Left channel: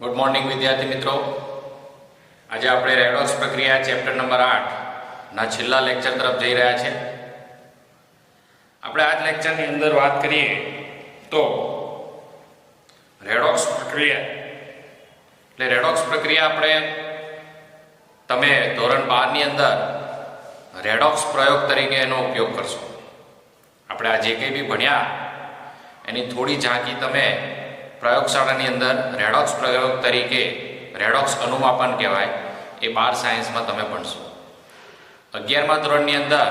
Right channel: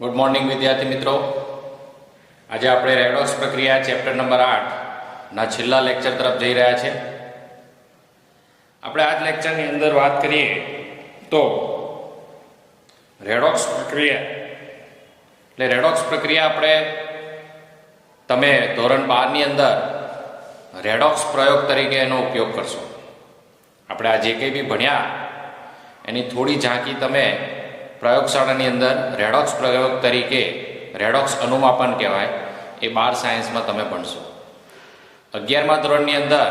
Good morning વિદ્યાર્થી મિત્રો, આજે આપણે રેડોક્સ પ્રક્રિયા ચેપ્ટર નંબર 8 ના છેલ્લા લેક્ચર તરફ જઈ રહ્યા છે. આપણે આ લેક્ચરની અંદર વાત કરીએ તો રેડોક્સ પ્રક્રિયા એટલે રેડોક્સ પ્રક્રિયા આપણે તમે ધોરણ 12 ની અંદર રેડોક્સ પ્રયોગ તરીકે એનો ઉપયોગ કરશો. આપણે આ જે કંઈ બી ભણ્યા એની થોડી ઝાંકી તમે પ્રયોગશાળાની અંદર રેડોક્સ પ્રયોગ તરીકે રેડોક્સ અનુમાપન કહેવાય એ 12 સાયન્સમાં તમે ભણશો. 11મા ધોરણની અંદર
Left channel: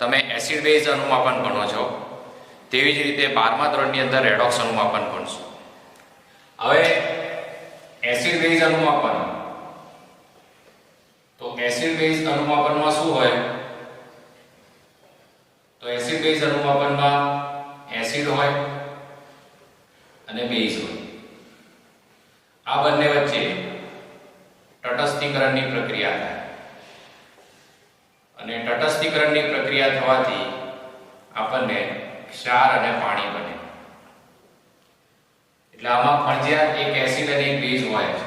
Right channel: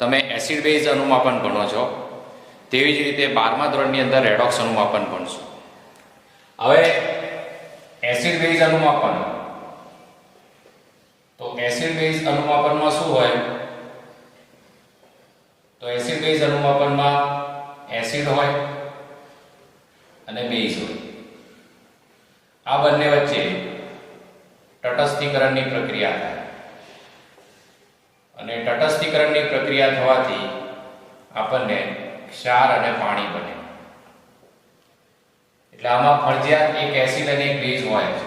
તમે એસિડ બેઝ અનુમાપન ભણો છો, તેવી જ રીતે 12મા ધોરણની અંદર રેડોક્સ અનુમાપન ભણશો. હવે એસિડ બેઝ અનુમાપન, તો એસિડ બેઝ અનુમાપનમાં શું હોય? તો એસિડ બેઝ અનુમાપનમાં એસિડ હોય અને બેઝ હોય. આ બંને વચ્ચે તટસ્થીકરણની પ્રક્રિયા થાય અને તટસ્થીકરણની પ્રક્રિયા થવાથી આપણને ક્ષાર અને પાણી બને. એટલે આમાં ફરજિયાત એક એસિડ અને એક બેઝ હોય છે.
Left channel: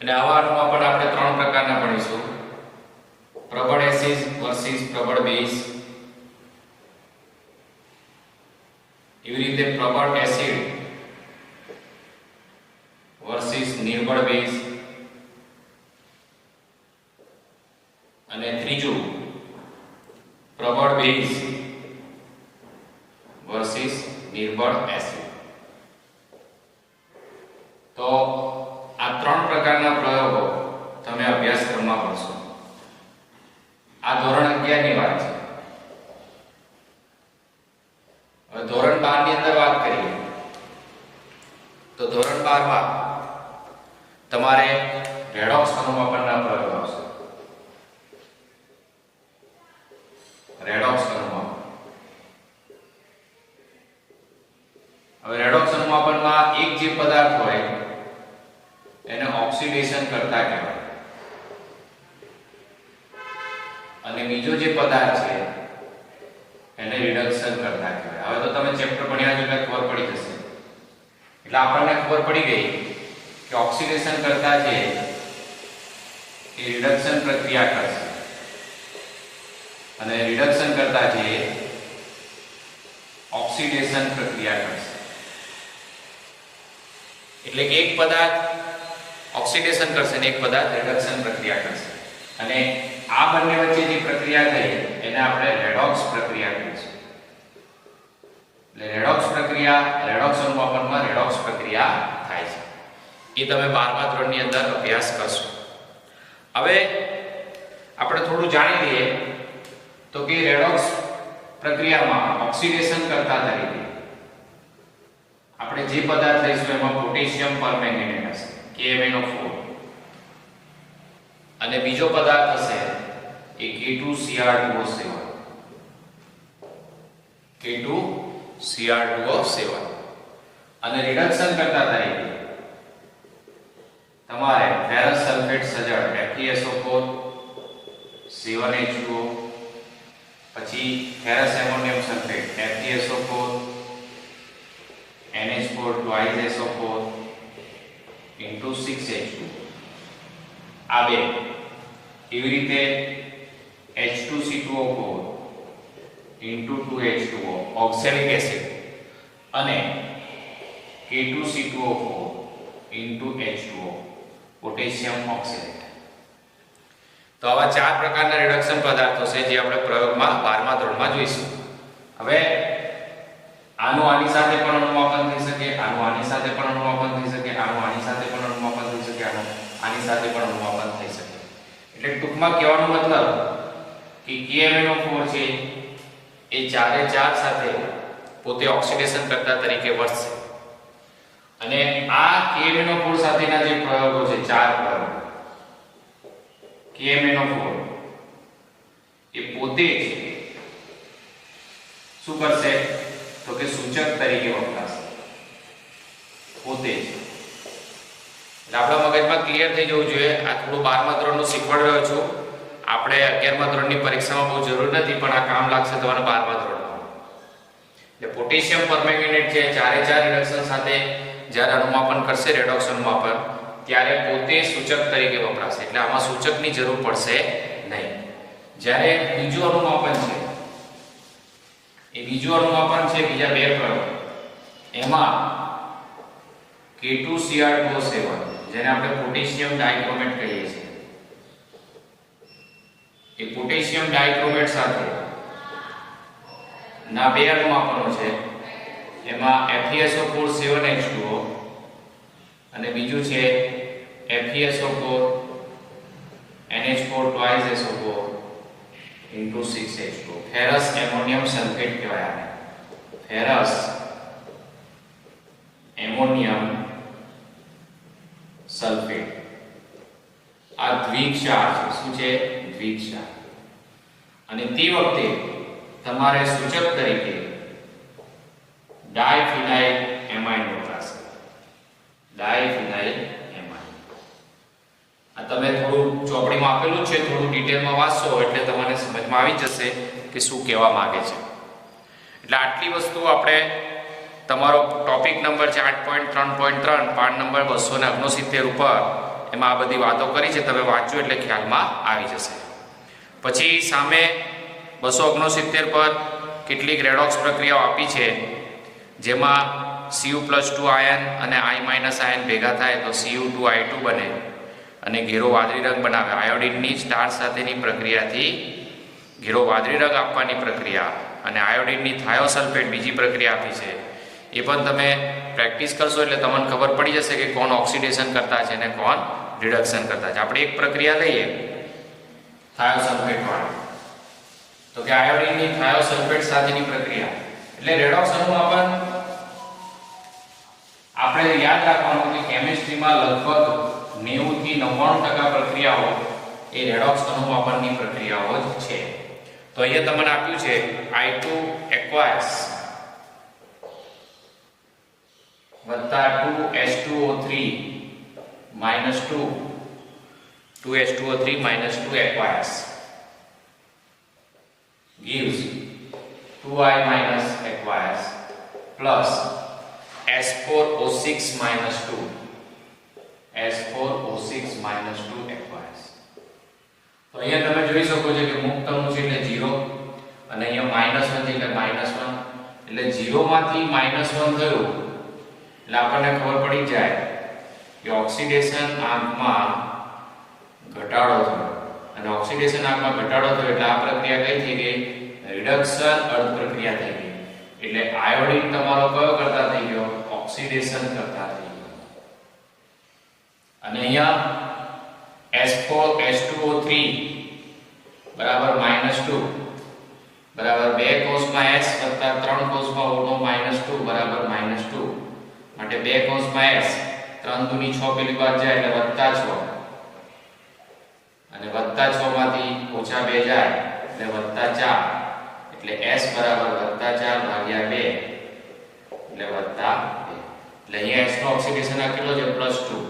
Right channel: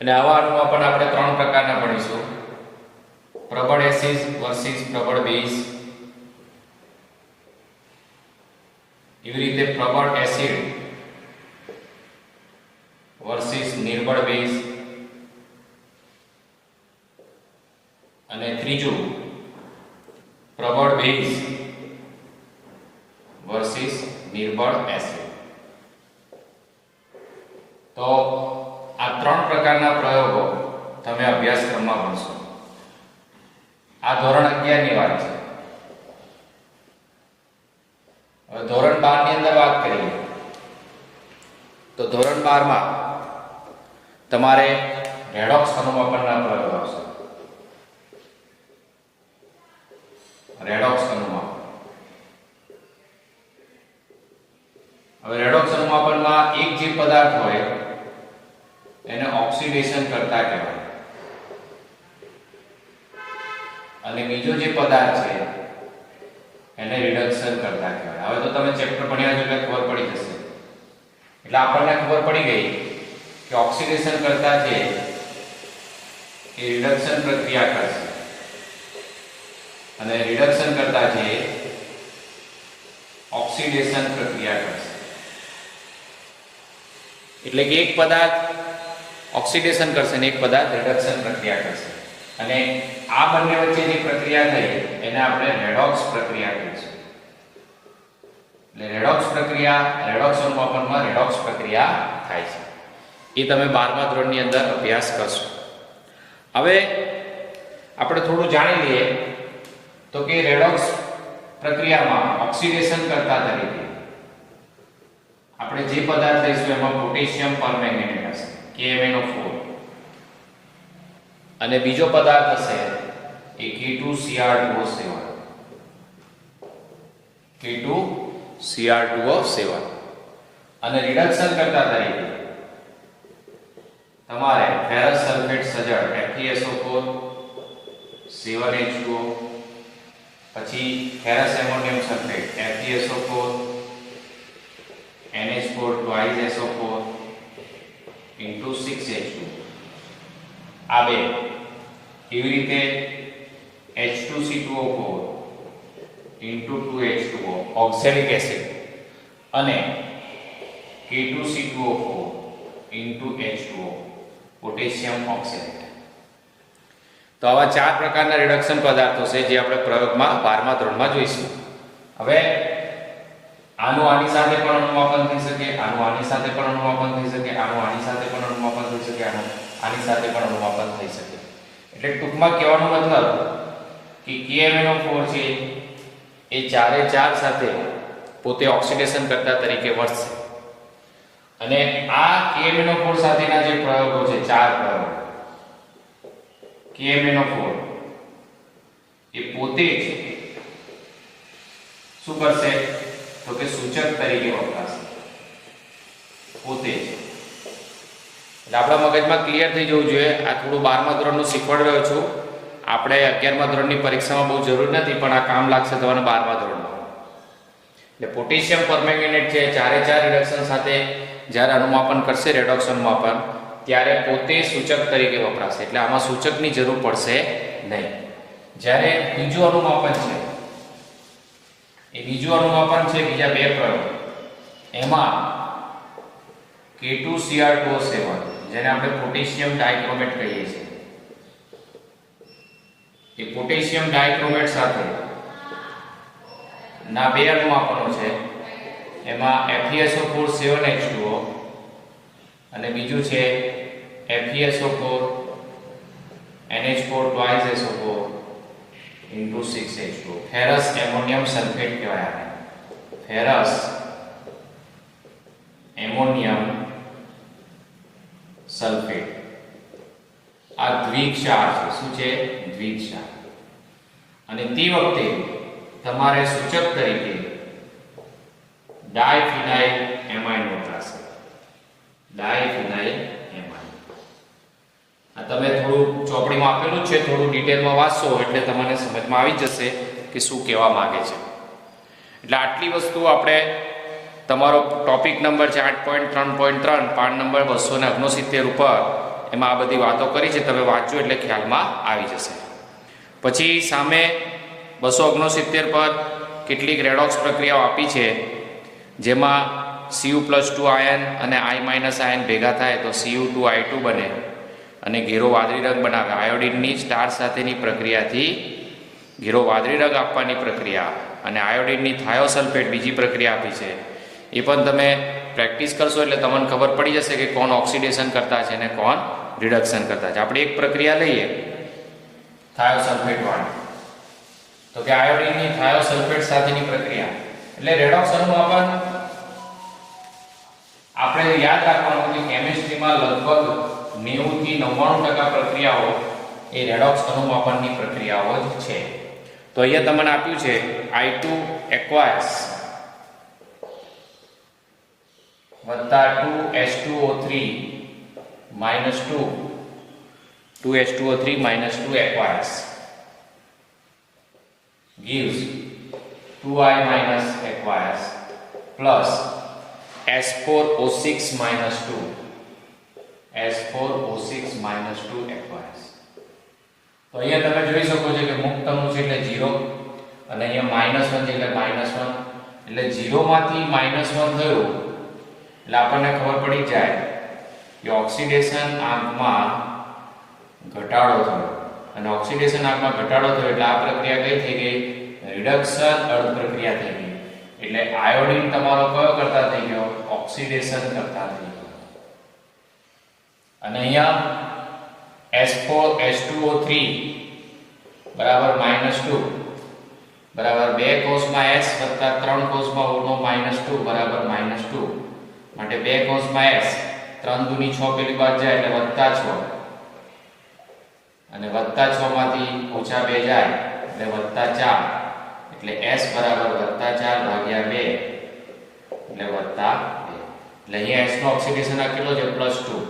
અને આવા અનુમાપન આપણે 3 પ્રકારના ભણીશું: પ્રબળ એસિડ વર્સિસ પ્રબળ બેઝ. એવી રીતે પ્રબળ એસિડ વર્સિસ નિર્બળ બેઝ, અને ત્રીજું પ્રબળ બેઝ વર્સિસ નિર્બળ એસિડ. તો આ 3 પ્રકારના પ્રયોગો તમે અભ્યાસક્રમમાં ભણશો. આ ધોરણ 11 ની વાત છે. હવે ધોરણ 12 ની અંદર વાત કરીએ તો ધોરણ 12 માં તમારે રેડોક્સ અનુમાપનના પ્રયોગ આવશે. રેડોક્સ અનુમાપન. હવે રેડોક્સ અનુમાપનમાં એક જે પદાર્થ હોય એને ઓક્સિડેશન કરતા કહેવાય, અને બીજો જે પદાર્થ છે એને રિડક્શન કરતા કહેવાય. હવે તો તમે ચેપ્ટર ભણ્યા છો એટલે ખબર પડી જશે. એટલે આપણને ખબર પડી ગઈ કે ઓક્સિડેશન કરતા છે એ રિડક્શન પ્રક્રિયા કરશે અને રિડક્શન કરતા છે ઓક્સિડેશન પ્રક્રિયા કરશે. એટલે કે એક પદાર્થ ઓક્સિડેશન કરશે અને એક પદાર્થ રિડક્શન પ્રક્રિયા કરશે. અને આ બંને વચ્ચે જે પ્રક્રિયા થઈ એને આપણે રેડોક્સ પ્રક્રિયા કહીશું. એટલે રેડોક્સ પ્રક્રિયા, રેડોક્સ અનુમાપનમાં રેડોક્સ પ્રક્રિયા થાય છે. એ તમે 12મા ધોરણની અંદર અભ્યાસ કરશો. હવે આપણે થોડું જાણી લઈએ તો કે રેડોક્સ પ્રક્રિયામાં ઓક્સિડેશન કરતા તરીકે આપણે જે પદાર્થ લઈશું એમાં પોટેશિયમ પરમેંગનેટ હશે, KMnO4, અને બીજો પદાર્થ હશે એ K2Cr2O7. K2Cr2O7. અને રિડક્શન કરતા તરીકે તમારે ફેરસ સલ્ફેટ સજળ FeSO4, 7H2O, પછી ferrous ammonium sulphate FeSO4, NH4 2SO4 into 6H2, આ બે. એવી રીતે H2C2O4 into 2H2O oxalic acid અને K2C2O4 into H2O પોટેશિયમ ઓક્સેલેટ. તો આવા 4 પ્રકારના રિડક્શન પદાર્થો છે જે આપણે પ્રયોગમાં 12મા ધોરણમાં જોઈશું. હવે આનું આની સાથે પણ અનુમાપન થઈ શકે, આનું આની સાથે પણ અનુમાપન થઈ શકે, આનું આની સાથે પણ અનુમાપન થઈ શકે, આનું આની સાથે પણ અનુમાપન થઈ શકે. એટલે ટૂંકમાં કહેવાનો મતલબ કે KMnO4 છે એ 4 સાથે પોતે ઓક્સિડેશન કરતા તરીકે વર્તશે. અને આ KMnO4 સાથેના જે પ્રયોગો છે, 4 પ્રયોગો, KMnO4 એ પોતે જ શું કરશે? તો કે સૂચક તરીકે વપરાશે પોતે જ. એટલે આપણા મગજમાં ક્લિયર થઈ જવું જોઈએ. આ થોડું 12મા ધોરણનું શીખવાડી રહ્યો છું. આપણે 11મા ધોરણની પરીક્ષામાં બહુ જરૂર નથી, પણ આ કામ લાગશે તમને 12મા ધોરણમાં. એટલે પોટેશિયમ પરમેંગનેટ છે 4 રિડક્શન સાથે જ્યારે અનુમાપન કરશે રેડોક્સ અનુમાપન ત્યારે પોતે સૂચક તરીકે વપરાશે, એટલે આમાં સૂચકની જરૂર પડશે નહીં. જ્યારે બીજું અનુમાપન છે, એ બીજું અનુમાપન છે બીજા બે પ્રયોગ, એમાં K2Cr2O7 જેને આપણે પોટેશિયમ ડાઇક્રોમેટ કહીએ છીએ, એ પોટેશિયમ ડાઇક્રોમેટ સાથે ના બે અનુમાપનો છે. એમાં FeSO4 7H2O અને બીજું છે FeSO4 NH4 twice SO4 into 6H2O. Ferrous ammonium sulphate કહેવાય આને. ફેરસ એમોનિયમ સલ્ફેટ આ દ્વિક્ષાર છે. શું છે? દ્વિક્ષાર. અને તે વખતે તમારે સૂચક તરીકે ડાયફિનાઇલ એમાઇન વપરાશે. ડાયફિનાઇલ એમાઇન. આ તમે થોડું ચોપડીમાં આપેલું છે, થોડું ડિટેલમાં વાંચશો એટલે તમને સમજમાં આવી જશે કે શું કહેવા માંગે છે. એટલે આટલી વસ્તુ આપણે તમારો ટોપિક નંબર છે 8.3.3 પાઠ નંબર 269 ઉપર એમાં આ બધી વાતો કરી છે. તમે વાંચજો એટલે ખ્યાલમાં આવી જશે. પછી સામે 269 પર કેટલીક રેડોક્સ પ્રક્રિયાઓ આપી છે, જેમાં Cu+2 આયન અને I- આયન ભેગા થાય તો Cu2I2 બને અને ઘેરો વાદળી રંગ બનાવે. આયોડિનની સ્ટાર સાથેની પ્રક્રિયાથી ઘેરો વાદળી રંગ આપવાની પ્રક્રિયા અને આયોડિનની થાયોસલ્ફેટ બીજી પ્રક્રિયા આપી છે. એ પણ તમે પ્રેક્ટિસ કરશો એટલે તમને ખબર પડી જશે કે કોણ ઓક્સિડેશન કરતા છે અને કોણ રિડક્શન કરતા છે. આપણે એક પ્રક્રિયા લઈએ થાયોસલ્ફેટ વાળી, તો કે આયોડિનની થાયોસલ્ફેટ સાથેની પ્રક્રિયા એટલે રેડોક્સ અનુમાપન આપણે યાદ રાખવાનું કે કેમિસ્ટ્રીમાં લગભગ 90 થી 99% પ્રક્રિયાઓ એ રેડોક્સ અનુમાપનની પ્રક્રિયાઓ જ છે. તો અહીંયા તમને આપ્યું છે I2 aqueous વત્તા 2H2O3 minus 2H2O3 minus 2 aqueous gives 2I minus aqueous plus S4O6 minus 2 S4O6 minus 2 aqueous. તો અહીંયા તમે જોઈ શકો છો કે મુક્ત અણુ છે એટલે 0 અને અહીંયા -1 છે એટલે -1 એટલે 0 માંથી -1 થયું એટલે આપણને ખબર પડી જાય કે ઓક્સિડેશન આંકમાં ઘટાડો થયો. અને ઓક્સિડેશન આંકમાં ઘટાડો થયો એટલે આ પ્રક્રિયા કઈ થઈ ગઈ? રિડક્શન અર્ધ પ્રક્રિયા થઈ ગઈ. એટલે આયોડિન તમારો કયો કરતા થઈ ગયો? ઓક્સિડેશન કરતા થઈ ગયો. અને અહીંયા S4H2O3 બરાબર -2 બરાબર 2 કોષમાં S વત્તા 3 કોષમાં O નો -2 બરાબર -2 માટે 2 કોષમાં S 3 દુની 6 પેલી બાદ જાય એટલે +6 અને +6 માંથી -2 જાય એટલે +4 એટલે S બરાબર +4 ભાગ્યા 2 એટલે +2 એટલે અહીંયા S નો ઓક્સિડેશન આ કેટલો છે? +2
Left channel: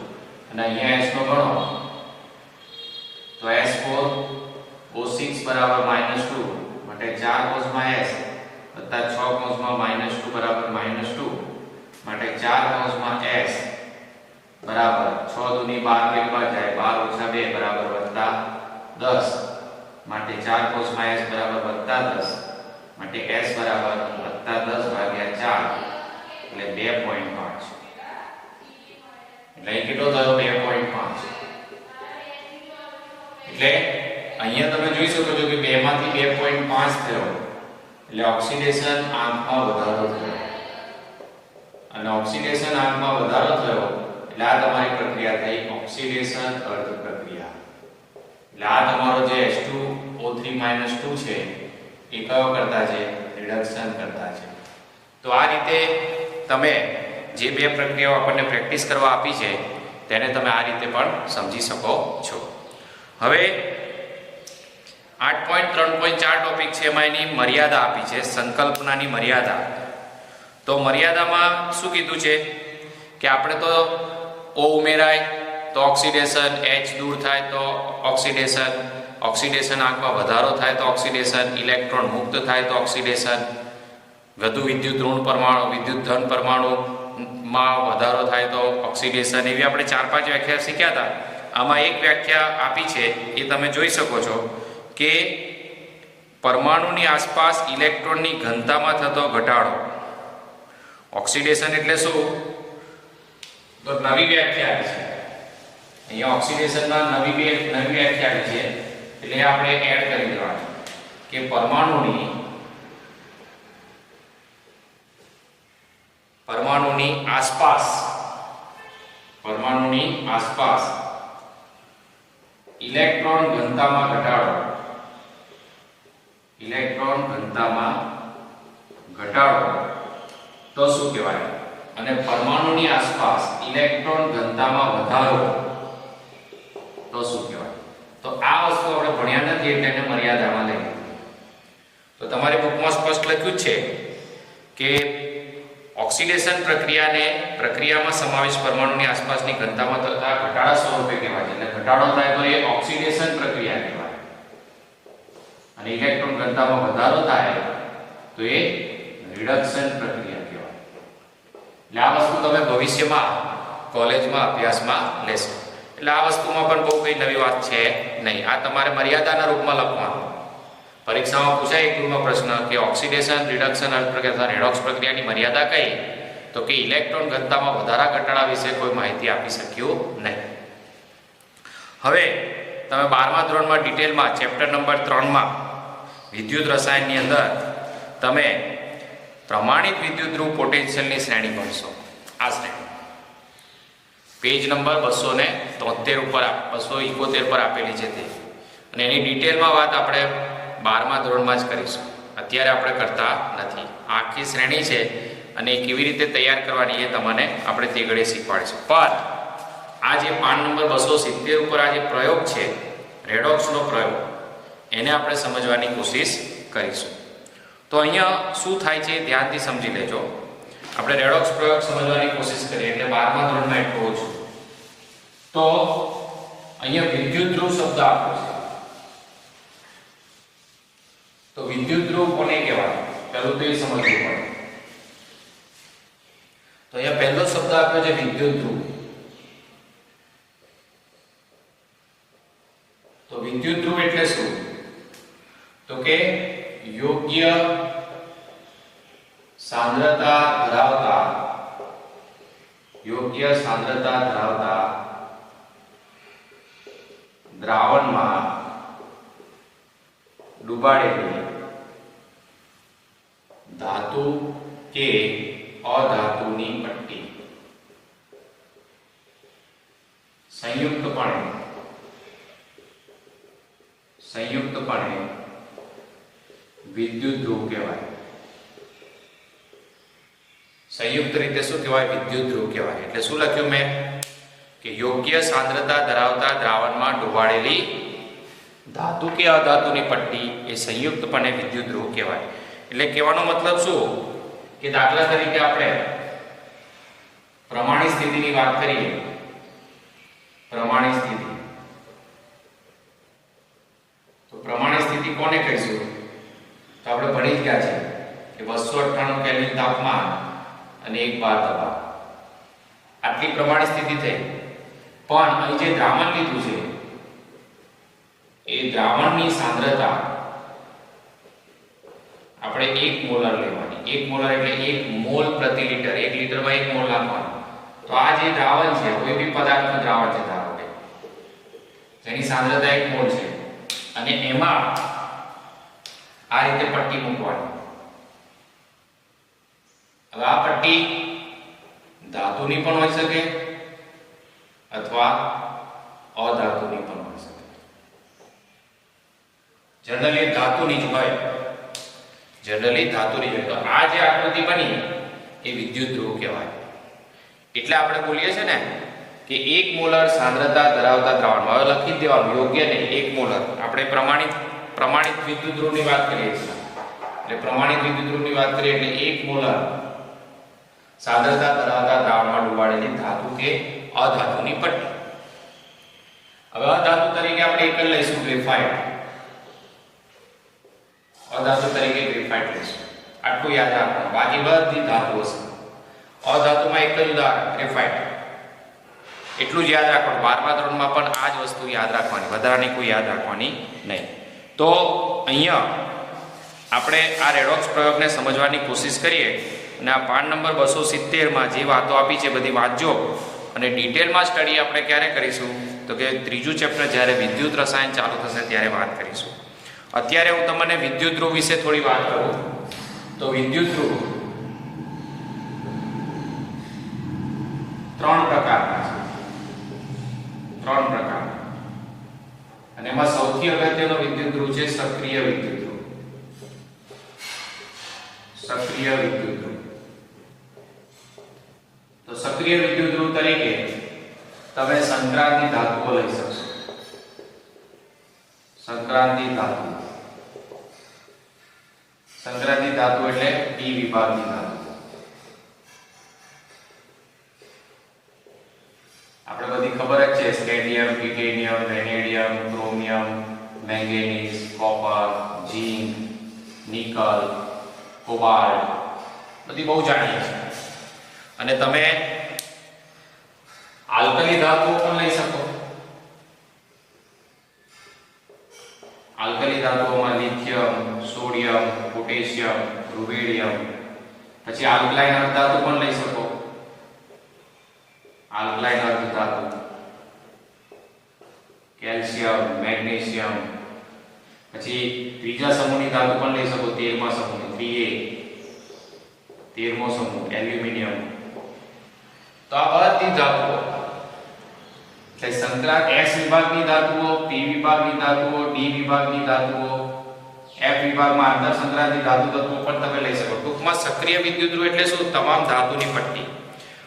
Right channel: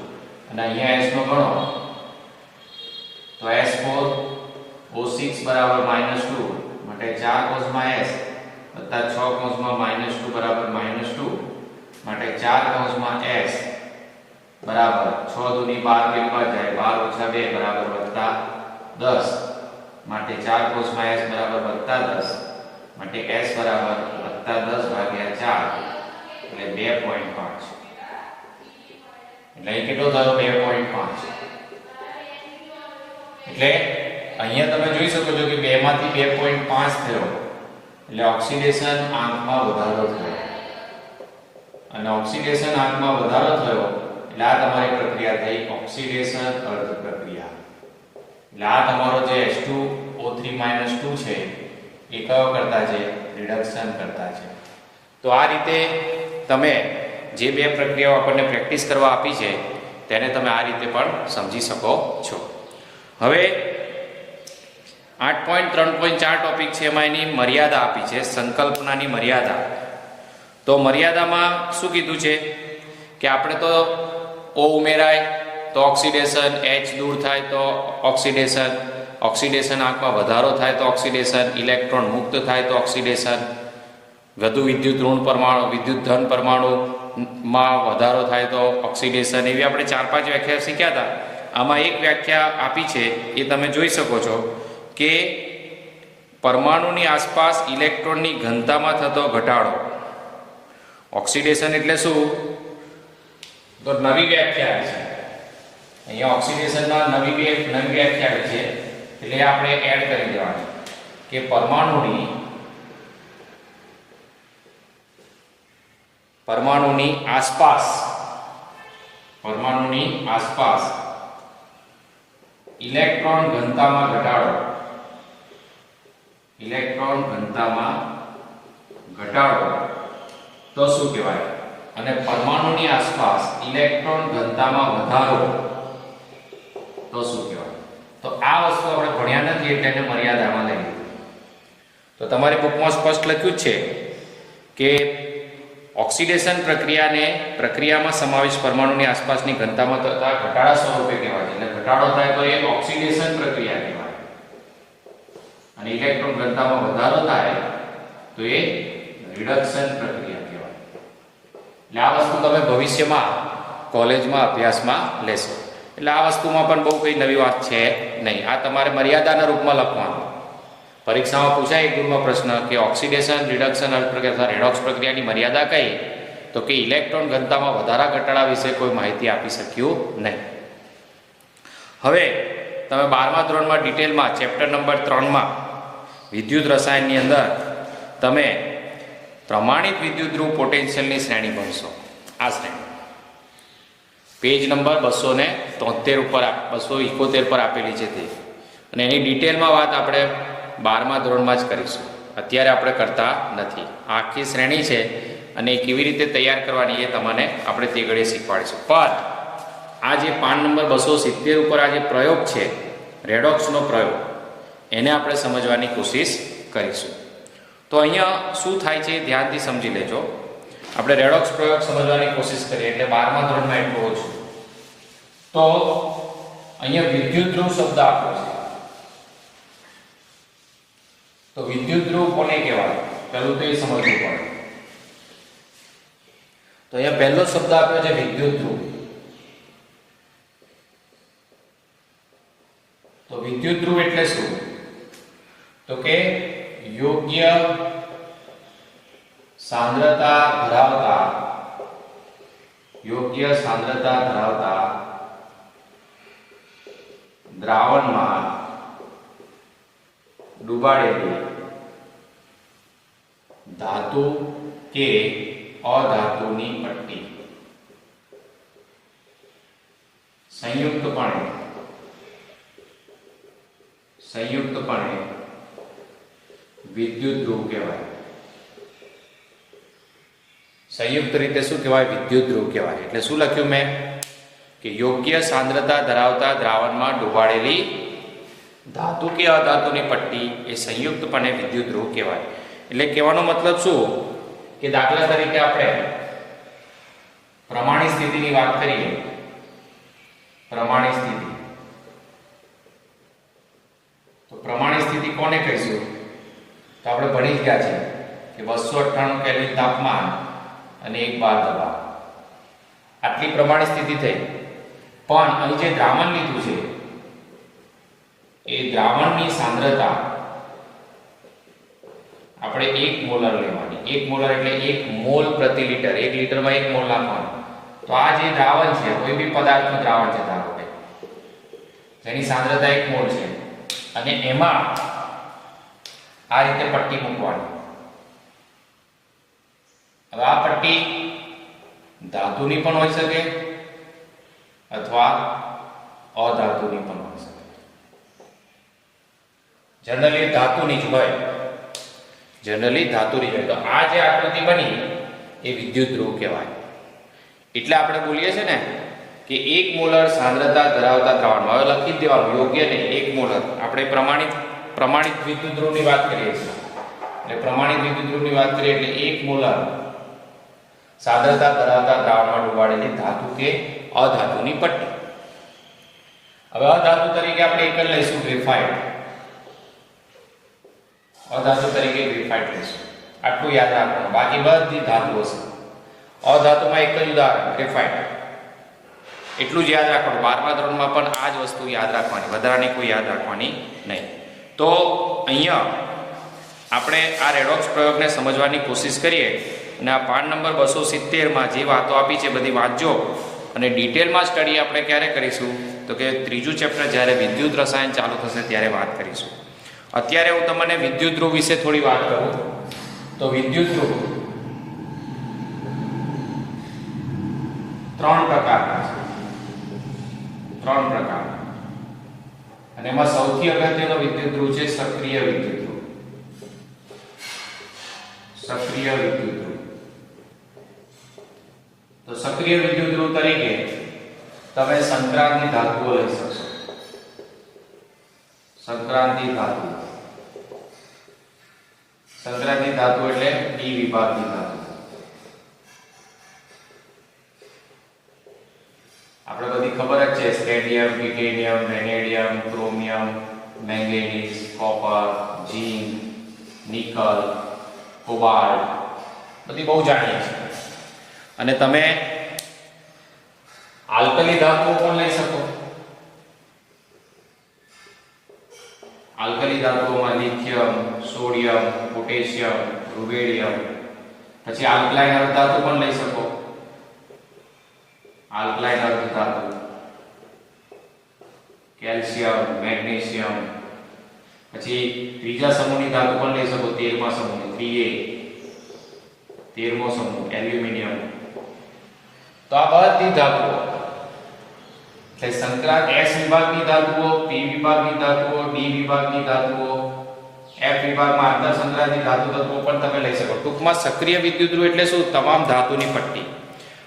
અને અહીંયા S નો ગણો તો S4O6 બરાબર -2 માટે 4 કોષમાં S વત્તા 6 કોષમાં -2 બરાબર -2 માટે 4 કોષમાં S બરાબર 6 દુની 12 પેલી બાદ જાય 12 - 2 બરાબર +10 માટે 4 કોષમાં S બરાબર +10 માટે S બરાબર +10 ભાગ્યા 4 એટલે 2.5 એટલે કેટલો થયો? 2.5. એટલે અહીંયા તમે જોઈ શકો છો કે 2 માંથી 2.5 થયો એટલે ઓક્સિડેશન આંકમાં વધારો થયો. અને ઓક્સિડેશન આંકમાં વધારો થયો એટલે આ તમારી પ્રક્રિયા થઈ ઓક્સિડેશન અર્ધ પ્રક્રિયા. એટલે આ તમારો જે H2O3 -2 છે એ કયો કરતા છે? રિડક્શન કરતા છે. તો આ રીતે તમે જે બે પ્રક્રિયાઓ આપણને પ્રેક્ટિસ કરવા આપી છે તેને તમે આ રીતે પણ સમજી શકો છો. હવે 8.3.4 ટોપિક છે, એમાં એની મર્યાદા આપી છે, સંકલ્પનાની મર્યાદા. તો મર્યાદામાં શું કીધું છે કે આપણે તો O ઉમેરાય તો ઓક્સિડેશન, H દૂર થાય તો ઓક્સિડેશન, ઓક્સિડેશન આંકમાં વધારો થાય તો ઓક્સિડેશન, ઇલેક્ટ્રોન મુક્ત થાય તો ઓક્સિડેશન, વધુ વિદ્યુત ઋણ પરમાણુ, વિદ્યુત ધન પરમાણુ માં વધારો થાય તો ઓક્સિડેશન, એવી આપણે 4-5 વ્યાખ્યા શીખ્યા હતા. આમાં એક વ્યાખ્યા આપી છે એ તમે જોઈ શકો છો કે પરમાણુની આસપાસ ઇલેક્ટ્રોનની ઘનતામાં થતો ઘટાડો. ઓક્સિડેશન એટલે શું? તો નવી વ્યાખ્યા આપી છે અહીંયા. ઓક્સિડેશનના નવી વ્યાખ્યા આપી છે એટલે આપણે એડ કરી દેવાનું કે પરમાણુની આસપાસ ઇલેક્ટ્રોન ઘનતામાં ઘટાડો. તો શું કહેવાય? અને પરમાણુની આસપાસ ઇલેક્ટ્રોન ઘનતામાં વધારો તો શું કહેવાય? તો આ વસ્તુ આપણે ભણ્યા નથી એટલે એને મર્યાદામાં લઈ લીધું. તો તમારી બુકમાં સ્પષ્ટ લખ્યું છે કે ઓક્સિડેશન પ્રક્રિયામાં સમાવેશ પરમાણુની આસપાસની ઘનતામાં થતા ઘટાડા સ્વરૂપે કહેવાય. એટલે ઘટાડો થાય તો એ ઓક્સિડેશન પ્રક્રિયા કહેવાય, અને ઇલેક્ટ્રોન ઘનતામાં વધારો થાય તો એ રિડક્શન પ્રક્રિયા કહેવાય. એટલે આ વસ્તુ તમે ભવિષ્યમાં કોલેજમાં અભ્યાસમાં લેશો. એટલે આ વસ્તુમાં પણ બહુ કઈ નવી વાત છે નહીં. આ તમારે મર્યાદાના રૂપમાં લખવાનું. પરીક્ષામાં પૂછાય એક ગુણમાં પ્રશ્ન કે ઓક્સિડેશન, રિડક્શન પ્રક્રિયા, રેડોક્સ પ્રક્રિયાની મર્યાદા કઈ? તો કે ઇલેક્ટ્રોન ઘનતામાં વધારા ઘટાડા વિશે કોઈ માહિતી આપી શક્યું નહીં. હવે તમે 12મા ધોરણમાં ડિટેલમાં ચેપ્ટર નંબર 3માં વિદ્યુત રસાયણની અંદર તમે પ્રમાણિત વિદ્યુત ધ્રુવ પોટેન્શિયલની શ્રેણી ભણશો. આ શ્રેણી પેજ નંબર 273 ઉપર 271 પર આપેલી છે તે, અને એની ડિટેલમાં વાત આપણે 12મા ધોરણમાં જ કરીશું. અત્યારે આપણે કરતા નથી. આખી શ્રેણી છે અને કેવી રીતે તૈયાર કરવાની એ તમને આપણે તે ઘડીએ શીખવાડીશું. પણ આ જે પાન નંબર 270 ઉપર આ જે પ્રયોગ છે, રેડોક્સનો પ્રયોગ, એને આપણે સમજવાની કોશિશ કરીશું. તો અહીંયા શું થાય છે ધ્યાનથી સમજી લેજો. આપણે રેડોક્સ પ્રયોગ સમજવાની કોશિશ કરીએ એટલે 12મા ધોરણમાં એટલું ઓછું. તો અહીંયા વિદ્યુત ધ્રુવ શબ્દ આપ્યો છે. તો વિદ્યુત ધ્રુવ કોને કહેવાય? પહેલું તો એ સમજવું પડે. તો અહીંયા પહેલો શબ્દ આપ્યો છે વિદ્યુત ધ્રુવ. તો વિદ્યુત ધ્રુવ એટલે શું? તો કે યોગ્ય સાંદ્રતા ધરાવતા દ્રાવણમાં ડુબાડેલી ધાતુ કે અધાતુની પટ્ટી સંયુક્તપણે વિદ્યુત ધ્રુવ કહેવાય. સંયુક્ત રીતે શું કહેવાય? વિદ્યુત ધ્રુવ કહેવાય. એટલે શું લખ્યું મેં કે યોગ્ય સાંદ્રતા ધરાવતા દ્રાવણમાં ડુબાડેલી ધાતુ કે અધાતુની પટ્ટી એ સંયુક્તપણે વિદ્યુત ધ્રુવ કહેવાય. એટલે કહેવાનો મતલબ શું કે દાખલા તરીકે આપણે પ્રમાણિત સ્થિતિની વાત કરીએ. પ્રમાણિત સ્થિતિ, તો પ્રમાણિત સ્થિતિ કોને કહીશું? તો આપણે ભણી ગયા છે કે 298 કેલ્વિન તાપમાન અને 1 બાર દબાણ, આટલી પ્રમાણિત સ્થિતિ થઈ. પણ અહીં જે દ્રાવણ લીધું છે એ દ્રાવણની સાંદ્રતા આપણે 1 મોલર લેવાની. 1 મોલર એટલે 1 મોલ પ્રતિ લિટર. 1 લિટરમાં 1 મોલ નાખવાનું. તો આ જે દ્રાવણ છે, કોઈ બી પદાર્થનું દ્રાવણ છે ધારો કે જેની સાંદ્રતા 1 મોલ છે, અને એમાં આ રીતે પટ્ટી મૂકવાની. હવે આ પટ્ટી ધાતુની પણ હોઈ શકે અથવા અધાતુની પણ હોઈ શકે. જનરલી ધાતુની જ હોય. તો આ જે આકૃતિ બની એ વિદ્યુત ધ્રુવ કહેવાય. એટલે આપણે બોલીએ છીએ ને કે 1 મોલર સાંદ્રતા ધરાવતા દ્રાવણમાં, હવે લખી દેવાનું, યોગ્ય નહીં, 1 મોલર. આપણે પ્રમાણિત વિદ્યુત ધ્રુવની વાત કરીએ છીએ. એટલે પ્રમાણિત વિદ્યુત ધ્રુવની વાત કરીએ એટલે 1 મોલર સાંદ્રતા ધરાવતા દ્રાવણમાં ડુબાડેલી ધાતુ કે અધાતુની પટ્ટી. હવે અધાતુ તરીકે આપણે એક જ લઈશું, ગ્રેફાઇટ. અધાતુ તરીકે ગ્રેફાઇટ લઈશું. આટલું યાદ રાખવાનું. બાકી બધી ધાતુઓ છે. અધાતુમાં એક જ ઉદાહરણ ગ્રેફાઇટ. એટલું જ યાદ રાખવાનું. 12મા ધોરણમાં પણ આ જ વસ્તુ યાદ રાખવાની, વધારાની કોઈ યાદ રાખવાની નહીં. તો અહીંયા આપણે આ રેડોક્સ પ્રયોગને સમજવાની કોશિશ કરીએ અને આ પાન નંબર 270માં જે વાતો આપી છે બધી વાંચજો અને ડિટેલમાં સ્ટડી આપણે ક્યારે કરીશું તો કે ત્રીજું ચેપ્ટર જ્યારે વિદ્યુત રસાયણ ચાલુ થશે ત્યારે વાત કરીશું. અત્યારે હું તમને વિદ્યુત ધ્રુવ વિશે થોડી વાત કરું. તો વિદ્યુત ધ્રુવ 3 પ્રકારના છે. 3 પ્રકાર. અને એમાં સૌથી અગત્યનો વિદ્યુત ધ્રુવ છે સક્રિય વિદ્યુત ધ્રુવ. સક્રિય વિદ્યુત ધ્રુવ. તો સક્રિય વિદ્યુત ધ્રુવ તરીકે તમે સંક્રાંતિ ધાતુઓ લઈ શકશો. સંક્રાંતિ ધાતુ. સંક્રાંતિ ધાતુ એટલે ડી વિભાગની ધાતુ. આપણે બધી ખબર જ છે scandium, titanium, vanadium, chromium, manganese, copper, zinc, nickel, cobalt બધી બહુ જાણીએ છીએ. અને તમે આલ્કલી ધાતુઓ પણ લઈ શકો. આલ્કલી ધાતુઓમાં લિથિયમ, સોડિયમ, પોટેશિયમ, રૂબેડિયમ. પછી આલ્કલાઇન અર્ધ ધાતુ પણ લઈ શકો. આલ્કલાઇન અર્ધ ધાતુ કેલ્શિયમ, મેગ્નેશિયમ. પછી ત્રીજા સમૂહની ધાતુ પણ લઈ શકો. 13મા સમૂહ Da, 13મો સમૂહ એલ્યુમિનિયમ. તો આ બધી ધાતુઓ એટલે સંક્રાંત S વિભાગની ધાતુઓ, P વિભાગની ધાતુઓ, D વિભાગની ધાતુઓ, F વિભાગમાં આંતરસંક્રાંતિ ધાતુ તત્વો પણ તમે લઈ શકો. ટૂંકમાં સક્રિય વિદ્યુત ધ્રુવ એટલે શું? તમામ ધાતુની પટ્ટી.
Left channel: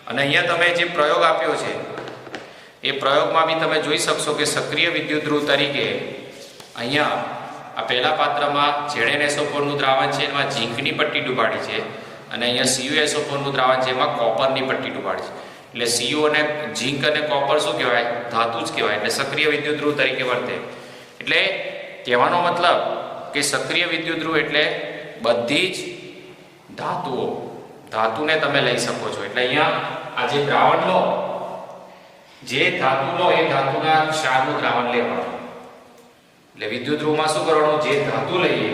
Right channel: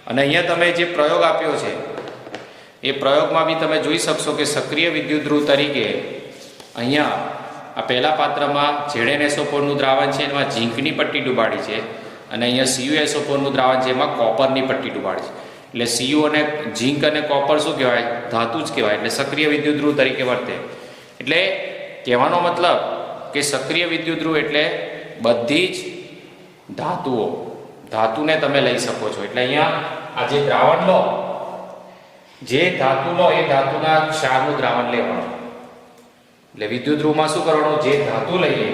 અને અહીંયા તમે જે પ્રયોગ આપ્યો છે એ પ્રયોગમાં બી તમે જોઈ શકશો કે સક્રિય વિદ્યુત ધ્રુવ તરીકે અહીંયા આ પહેલા પાત્રમાં ZnSO4 નું દ્રાવણ છે એમાં ઝીંકની પટ્ટી ડૂબાડી છે અને અહીંયા CuSO4 નું દ્રાવણ છે એમાં કોપરની પટ્ટી ડૂબાડી છે. એટલે Cu અને ઝીંક અને કોપર શું કહેવાય? ધાતુ જ કહેવાય. એટલે સક્રિય વિદ્યુત ધ્રુવ તરીકે વર્તે. એટલે કહેવાનો મતલબ કે સક્રિય વિદ્યુત ધ્રુવ એટલે બધી જ ધાતુઓ, ધાતુને તમે લઈ શકો છો. એટલે અહીંયા આ જે દ્રાવણ લો, જે ધાતુ લો એ ધાતુના ક્ષારનું દ્રાવણ લેવાનું. એટલે વિદ્યુત ધ્રુવમાં શું કરવાનું? જે ધાતુ લઈએ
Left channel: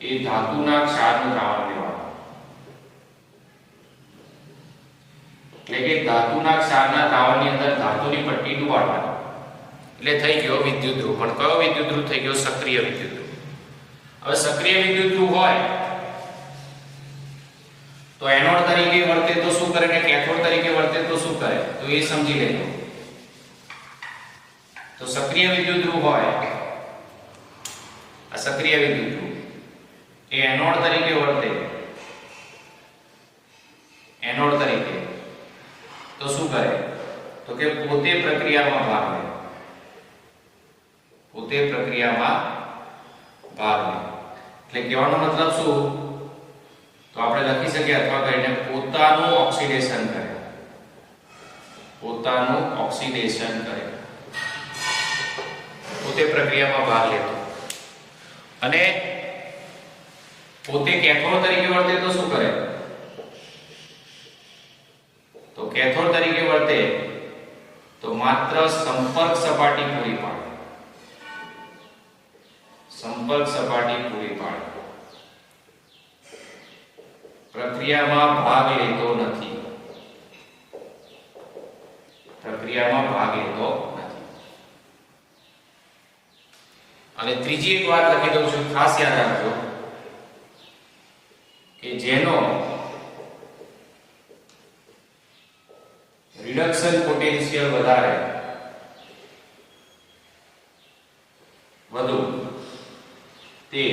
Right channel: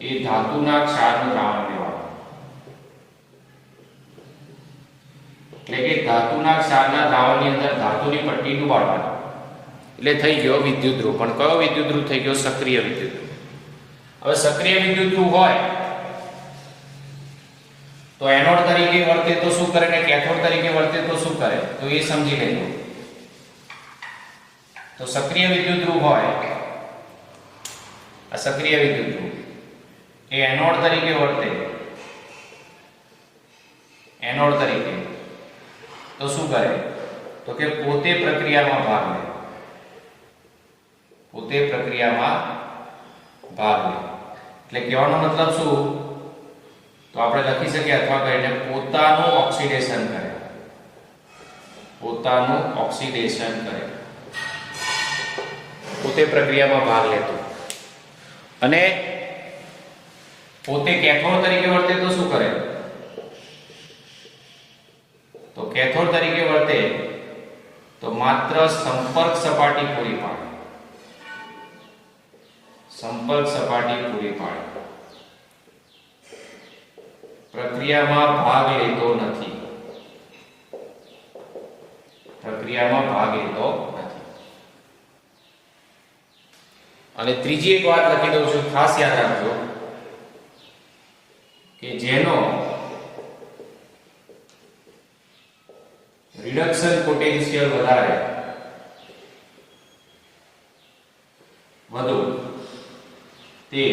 એ ધાતુના ક્ષારનું દ્રાવણ લેવાનું. એટલે કે ધાતુના ક્ષારના દ્રાવણની અંદર ધાતુની પટ્ટી ડુબાડવાની. એટલે થઈ ગયો વિદ્યુત ધ્રુવ. પણ કયો વિદ્યુત ધ્રુવ થઈ ગયો? સક્રિય વિદ્યુત ધ્રુવ. હવે સક્રિય વિદ્યુત ધ્રુવ હોય તો એનોડ તરીકે વર્તે તો શું કરે ને કેથોડ તરીકે વર્તે તો શું કરે? તો એ સમજી લેજો. તો સક્રિય વિદ્યુત ધ્રુવ હોય, આ સક્રિય વિદ્યુત ધ્રુવ એ એનોડ તરીકે વર્તે. એનોડ તરીકે તો શું કરે? તો કે પોતે પ્રક્રિયામાં ભાગ લે. પોતે પ્રક્રિયામાં ભાગ લે. એટલે કહેવાનો મતલબ શું? તો આપણે લખી શકીએ અથવા કહીને પોતાનું ઓક્સિડેશન કરે. પોતાનું ઓક્સિડેશન કરે. પોતે પ્રક્રિયામાં ભાગ લેતો. અને પોતે કેથોડ તરીકે વર્તે તો શું કરે? તો કેથોડ તરીકે વર્તે તો માત્ર સંપર્ક સપાટી પૂરી પાડે. સંપર્ક સપાટી પૂરી પાડે. પ્રક્રિયામાં ભાગ લેતો નથી. પ્રક્રિયામાં ભાગ લેતો નથી. અને ત્રીજી એક વાત લખી દઉં છું, ખાસ યાદ રાખજો કે જેનો રિડક્શન પોટેન્શિયલ વધારે વધુ તે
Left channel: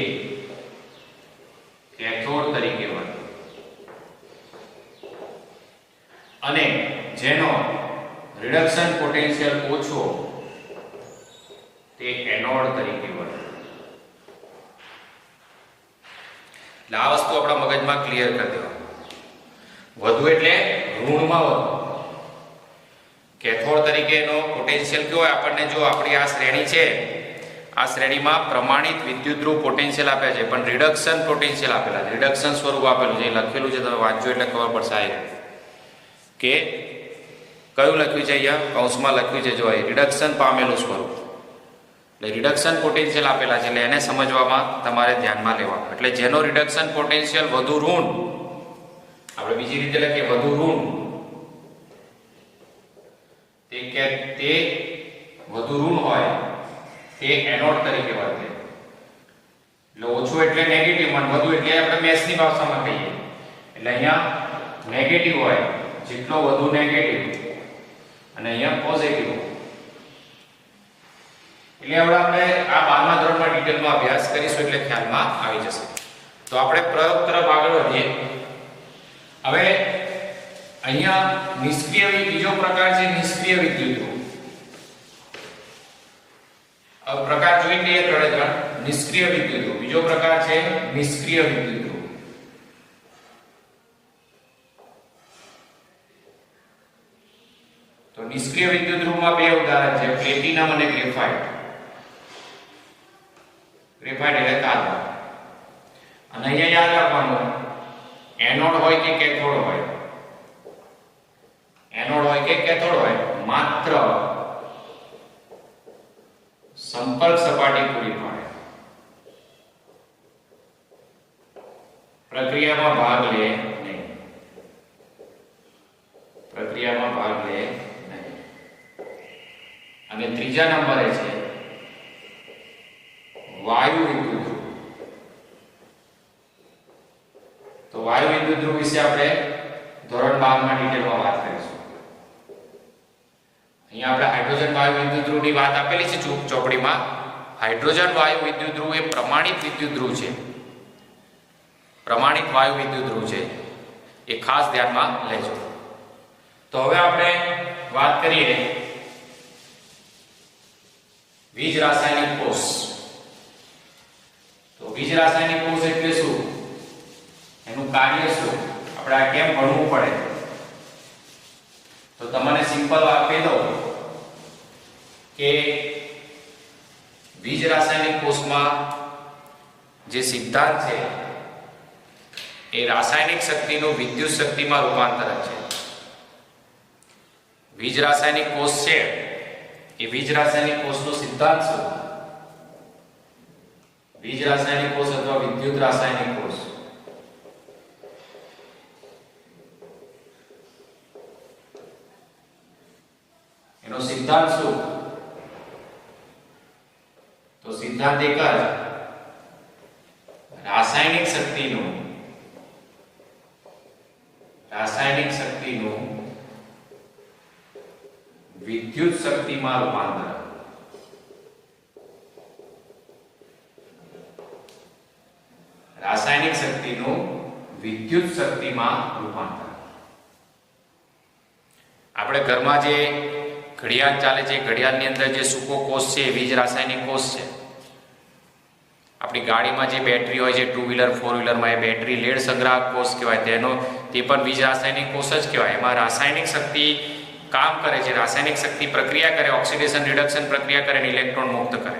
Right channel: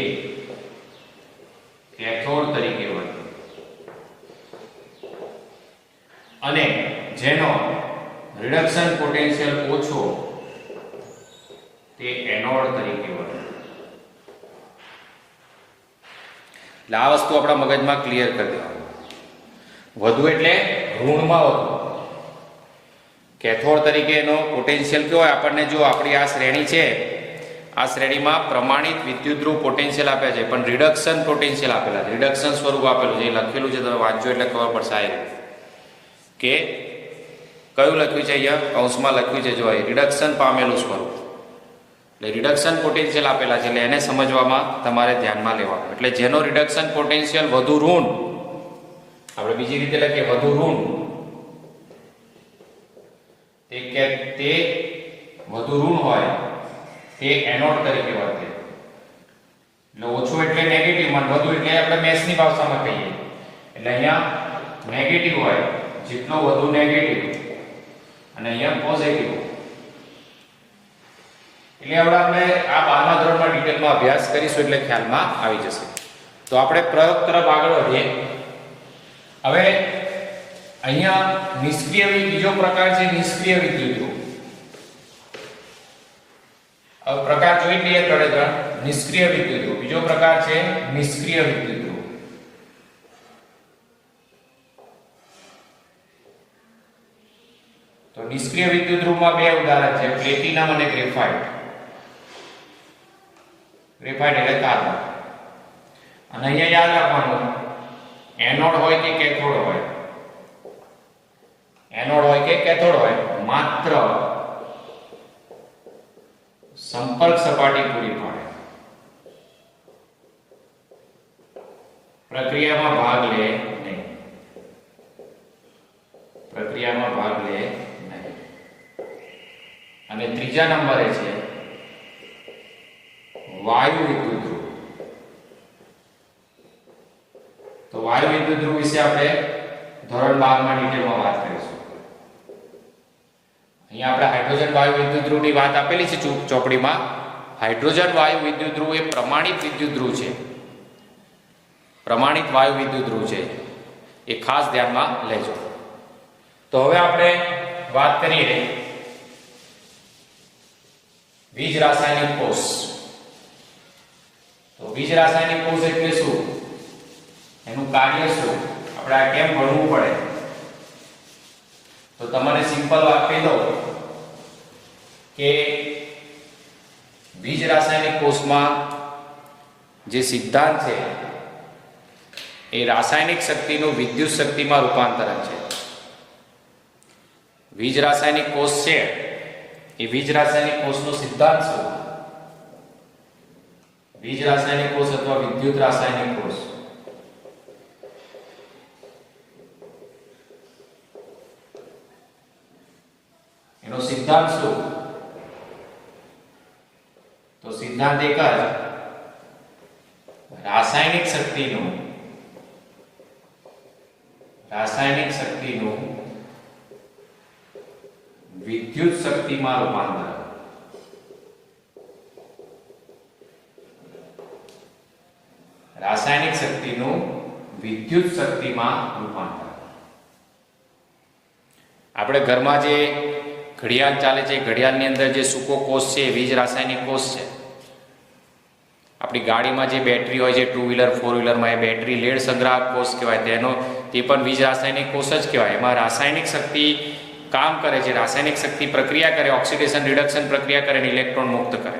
કેથોડ તરીકે વર્તે અને જેનો રિડક્શન પોટેન્શિયલ ઓછો તે એનોડ તરીકે વર્તે. એટલે આ વસ્તુ આપણા મગજમાં ક્લિયર કરી દેવાનું. વધુ એટલે ઋણમાં વધુ. કેથોડ તરીકેનો પોટેન્શિયલ કેવો હોય? આપણને જો આપણી આ શ્રેણી છે, આ શ્રેણીમાં પ્રમાણિત વિદ્યુત ધ્રુવ પોટેન્શિયલ આપ્યા છે, પણ રિડક્શન પોટેન્શિયલ આપેલા છે. રિડક્શન સ્વરૂપ આપેલું છે, લખેલું છે, તમે વાંચજો એટલે ખબર પડશે આ કે કયું લખ્યું છે. અહીંયા કૌંસમાં લખ્યું છે, જો રિડક્શન પામેલું સ્વરૂપ, એટલે રિડક્શન પોટેન્શિયલ આપેલા છે, એટલે એને સમજવામાં તમારે ધ્યાનમાં લેવાનું. એટલે જેનો રિડક્શન પોટેન્શિયલ વધુ ઋણ, આપણે બીજી રીતે લખીએ વધુ ઋણ, તે વધુ ઋણ હોય તે એનોડ તરીકે વર્તે. એટલે ઓછું એટલે નેગેટિવ, અને વધુ એટલે આપણે મેથ્સની ભાષામાં કહીએ. એટલે અહીંયા નેગેટિવ હોય, જેટલો વધુ નેગેટિવ, અને અહીંયા પોઝિટિવ. એટલે હવે આપણે આ 12મા ધોરણમાં ડિટેલમાં અભ્યાસ કરીશું, એટલે ખ્યાલમાં આવી જશે. તો આપણે પ્રયોગ તરફ આગળ વધીએ. હવે અહીંયા નિષ્ક્રિય બીજો પ્રકાર છે નિષ્ક્રિય વિદ્યુત ધ્રુવ. હવે પ્રકાર જોઈ લઈએ ત્રણે. નિષ્ક્રિય વિદ્યુત ધ્રુવ, બીજો પ્રકાર છે નિષ્ક્રિય વિદ્યુત ધ્રુવ. તો નિષ્ક્રિય વિદ્યુત ધ્રુવમાં બે ઉદાહરણ છે, પ્લેટિનમ અને ગ્રેફાઇટ. ગ્રેફાઇટ એટલે કાર્બન. અને અહીંયા યાદ રાખવાનું, એનોડ હોય કે કેથોડ હોય, એનોડ હોય કે કેથોડ હોય, માત્ર સંપર્ક સપાટી પૂરી પાડે, પ્રક્રિયામાં ભાગ લે નહીં. પ્રક્રિયામાં ભાગ લે નહીં. અને ત્રીજા નંબરે છે વાયુ વિદ્યુત ધ્રુવ. તો વાયુ વિદ્યુત ધ્રુવ વિશે આપણે ધોરણ 12માં ડિટેલમાં વાત કરીશું. અહીંયા આપણે હાઇડ્રોજન વાયુ વિદ્યુત ધ્રુવની વાત આપેલી છે ચોપડીમાં. હાઇડ્રોજન વાયુ વિદ્યુત ધ્રુવ એ પ્રમાણિત વિદ્યુત ધ્રુવ છે. પ્રમાણિત વાયુ વિદ્યુત ધ્રુવ છે, એ ખાસ ધ્યાનમાં લેજો. તો હવે આપણે વાત કરીએ બીજ રાસાયણિક કોષ. તો બીજ રાસાયણિક કોષ એટલે શું, એનું કાર્ય શું, આપણે આ કેમ ભણવું પડે? તો તમને સિમ્પલ વાત કહી દઉં કે બીજ રાસાયણિક કોષમાં જે સિદ્ધાંત છે એ રાસાયણિક શક્તિનું વિદ્યુત શક્તિમાં રૂપાંતરણ છે. બીજ રાસાયણિક કોષ છે એ બીજ રાસાયણિક કોષનો સિદ્ધાંત શું? બીજ રાસાયણિક કોષ અથવા વિદ્યુત રાસાયણિક કોષ, એનો સિદ્ધાંત શું? તો સિદ્ધાંત એક જ, રાસાયણિક શક્તિનું વિદ્યુત શક્તિમાં રૂપાંતર. રાસાયણિક શક્તિનું વિદ્યુત શક્તિમાં રૂપાંતર. આપણે ઘરમાં જે ઘડિયાળ ચાલે છે, ઘડિયાળની અંદર જે સૂકો કોષ છે એ બીજ રાસાયણિક કોષ છે. આપણી ગાડીમાં જે બેટરી હોય છે, 2 વ્હીલર 4 વ્હીલરમાં, એ બેટરી લેડ સંગ્રાહક કોષ કહેવાય. તે પણ બીજ રાસાયણિક કોષ જ કહેવાય. એમાં રાસાયણિક શક્તિ કામ કરે છે, રાસાયણિક શક્તિ પ્રક્રિયા કરે, ઓક્સિડેશન રિડક્શન પ્રક્રિયા કરે અને ઇલેક્ટ્રોન મુક્ત કરે.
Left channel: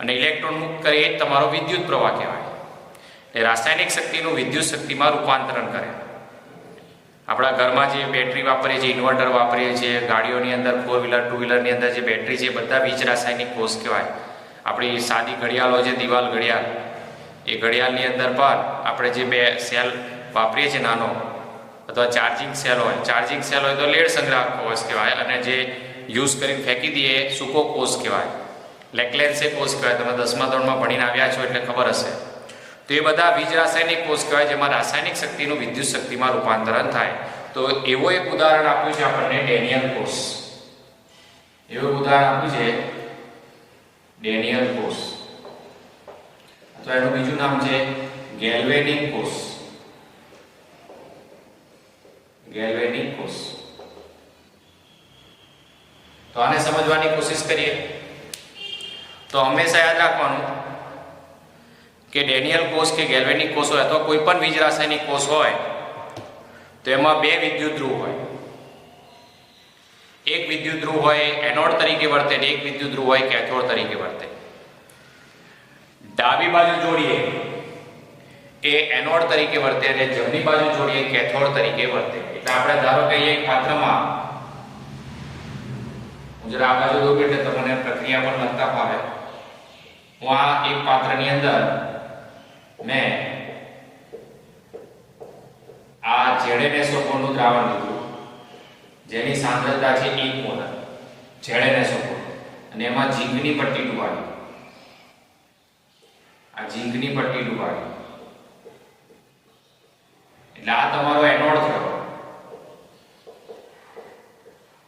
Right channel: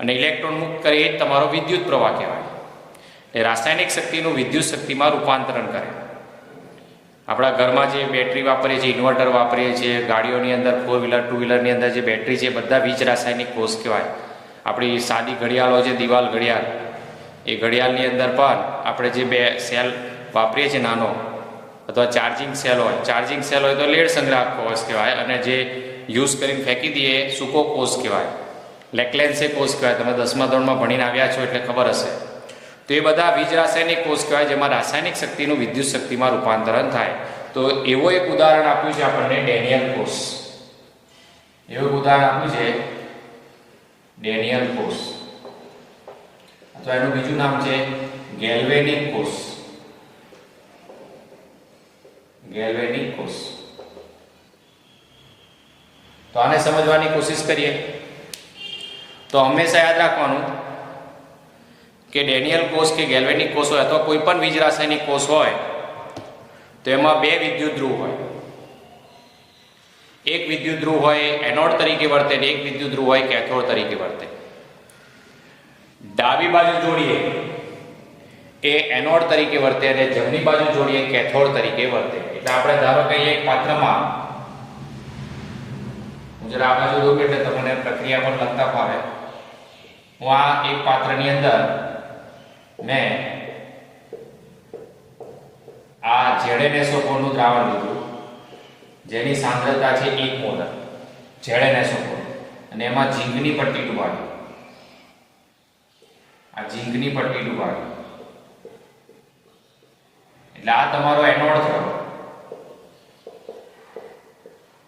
અને ઇલેક્ટ્રોન મુક્ત કરે એ તમારો વિદ્યુત પ્રવાહ કહેવાય. એ રાસાયણિક શક્તિનું વિદ્યુત શક્તિમાં રૂપાંતરણ કરે. આપણા ઘરમાં જે બેટરી વાપરીએ છીએ, ઇન્વર્ટર વાપરીએ છીએ, ગાડીઓની અંદર 4 વ્હીલર 2 વ્હીલરની અંદર જે બેટરી છે, બધા બીજ રાસાયણિક કોષ કહેવાય. આપણી સાદી ઘડિયાળ હોય છે, દિવાલ ઘડિયાળ, એ ઘડિયાળની અંદર પણ આપણે જે બે સેલ વાપરીએ છીએ, નાનો અથવા ચાર્જિંગ સેલ હોય તો લેડ સંગ્રાહક કોષ કહેવાય. અને જે યુઝ કરીને ફેંકી દઈએ સૂકો કોષ કહેવાય, લેક્લેન્સે કોષ કહેવાય. તમે 10મા ધોરણમાં ભણીને આવ્યા છો એટલે ખબર હશે. તો એ બધા બીજ રાસાયણિક કોષ કહેવાય, જેમાં રાસાયણિક શક્તિનું વિદ્યુત શક્તિમાં રૂપાંતરણ થાય. તો એવો એક ઉદાહરણ આપ્યું છે આપણને ડેનિયલ કોષ. એવું ઉદાહરણ આપ્યું છે ડેનિયલ કોષ, અથવા એનું બીજું નામ છે ગેલ્વેનિક કોષ. ગેલ્વેનિક કોષ. તો આને સમજવાની કોશિશ કરીએ. તો હંમેશા યાદ રાખવાનું કે ડેનિયલ કોષ કે ગેલ્વેનિક કોષ હોય અથવા કોઈ પણ બીજ રાસાયણિક કોષ હોય તો એમાં બે વિદ્યુત ધ્રુવ હોય. એક વિદ્યુત ધ્રુવ હોય એનોડ તરીકે વર્તે અને એક વિદ્યુત ધ્રુવ હોય કેથોડ તરીકે વર્તે. ડાબી બાજુ જોડીએ એ એનોડ તરીકે વર્તે અને જમણી બાજુ જોડીએ કેથોડ તરીકે વર્તે. એટલે આપણે ધારો કે એક પાત્રમાં હું જરા આ બાજુ જોઉં એટલે તમને પ્રક્રિયા પણ લગતા ફાવે. હું આ એક પાત્રની અંદર મેં આ ZnSO4 નું દ્રાવણ લીધું જેની સાંદ્રતા છે 1 મોલ ZnSO4 અને એમાં ઝીંકની પટ્ટી ડુબાડી. આ ઝીંકની પટ્ટી ડુબાડી એટલે આ તમારો એનોડ થયો.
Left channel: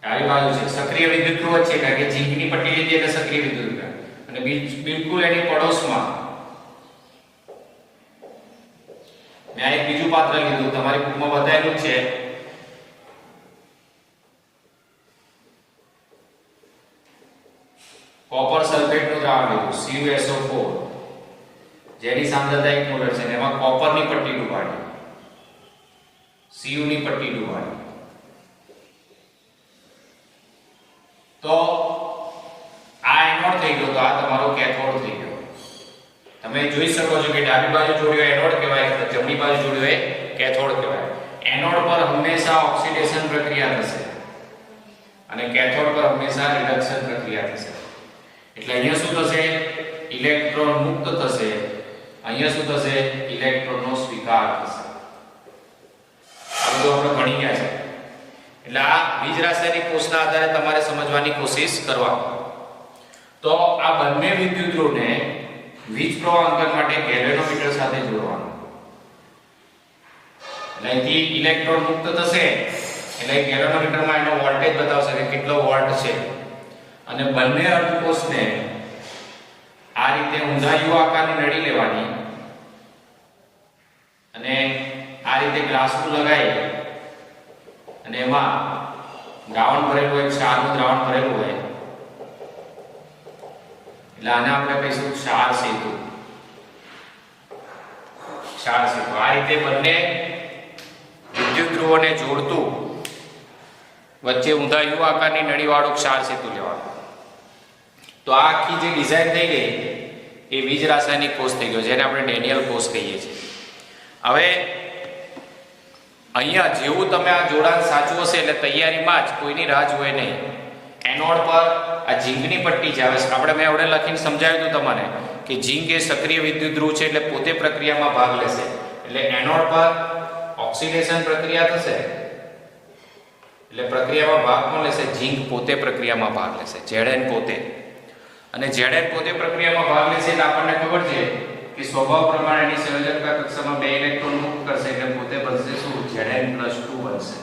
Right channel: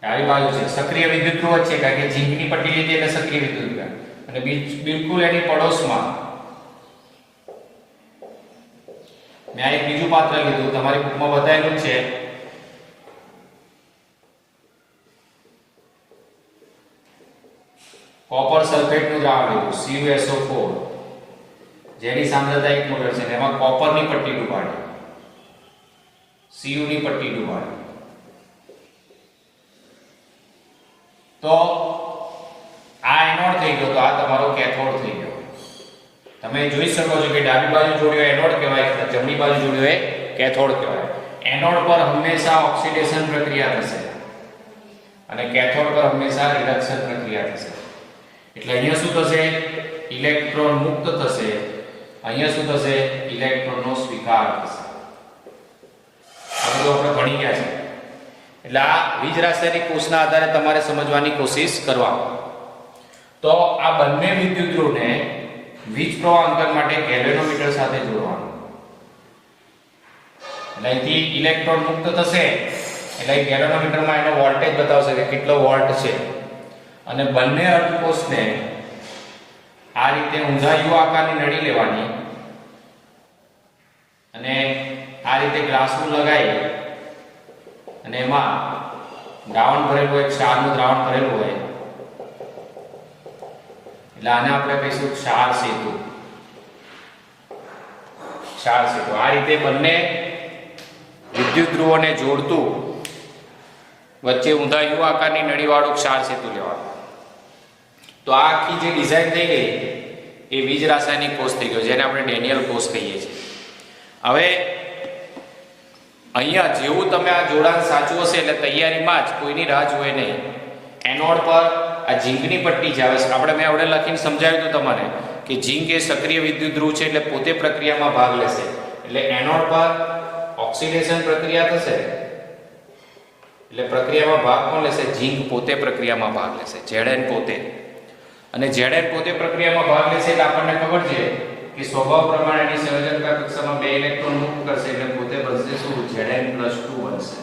આવી બાજુ છે સક્રિય વિદ્યુતધ્રુવ છે કારણ કે ઝીંકની પટ્ટી લીધી એટલે સક્રિય વિદ્યુતધ્રુવ અને બિલકુલ એની પડોશમાં મેં એક બીજું પાત્ર લીધું, તમારી બુકમાં બતાવેલું છે. કોપર સલ્ફેટનું દ્રાવણ લીધું CuSO4 જેની સાંદ્રતા 1 મોલ છે. એમાં કોપરની પટ્ટી ડુબાડી, Cu ની પટ્ટી ડુબાડી. તો આ એનોડ થઈ ગયો, તો આ તમારો કેથોડ થઈ ગયો. તમે જોઈ શકો છો કે ડાબી બાજુ જોડ્યો એનોડ કહેવાય, જમણી બાજુ જોડ્યો એ કેથોડ કહેવાય. એનોડ પર હંમેશા ઓક્સિડેશન પ્રક્રિયા થશે અને કેથોડ પર હંમેશા રિડક્શન પ્રક્રિયા થશે. એટલે અહીંયા શું થશે? ઇલેક્ટ્રોન મુક્ત થશે. અહીંયા શું થશે? ઇલેક્ટ્રોનનો સ્વીકાર થશે. આ બધું આપણે ભણી ગયા છે. એટલે આ વીજ રાસાયણિક કોષના આધારે તમારે સમજવાની કોશિશ કરવા. તો આ બંને વિદ્યુતધ્રુવને વીજ પ્રવાહ અંતર માટે ગેલ્વેનોમીટર સાથે જોડવાનું. અહીંથી ઇલેક્ટ્રોન મુક્ત થશે એટલે ગેલ્વેનોમીટરમાં એનો વોલ્ટેજ બતાવશે કે કેટલો વોલ્ટ છે. અને બંને અર્ધકોષને આ રીતે ઊંધા યુ આકારની નળી લેવાની અને આ રીતે ગ્લાસનું લગાવી અને એમાં દ્રાવણ ભરેલું હોય, ક્ષારનું દ્રાવણ ભરેલું હોય એટલે આને આપણે કહીશું ક્ષાર સેતુ. ક્ષાર સેતુ આ રીતે બંને વિદ્યુત ધ્રુવોને જોડતું વચ્ચે ઊંધા યુ આકારની નળીવાળું ક્ષાર સેતુ લેવાનું. તો આ આખી જે ડિઝાઇન થઈ ગઈ એ વીજ રાસાયણિક કોષ થઈ ગયો, જેને આપણે ડેનિયલ કોષ કહીએ છીએ. હવે અહીંયા જેવું તમે આ જોડાણ સાચું હશે એટલે તૈયારીમાં જ કોઈની રાહ જોવે નહીં. એનોડ પર આ ઝીંકની પટ્ટી છે. હવે આપણે મેં આવડે લખીને સમજાવ્યું હતું તમને કે ઝીંક એ સક્રિય વિદ્યુત ધ્રુવ છે એટલે પોતે પ્રક્રિયામાં ભાગ લેશે. એટલે એનોડ પર ઓક્સિડેશન પ્રક્રિયા થશે એટલે પ્રક્રિયામાં ભાગ કોણ લેશે? ઝીંક પોતે પ્રક્રિયામાં ભાગ લેશે, Zn પોતે. અને Zn પોતે પ્રક્રિયામાં ભાગ લેશે એટલે આપણને ખબર છે કે સ્વભાવ પ્રમાણે એની સંયોજકતા કક્ષામાં 2 ઇલેક્ટ્રોન મુક્ત કરશે એટલે પોતે બનશે શું? Zn+2 બનશે.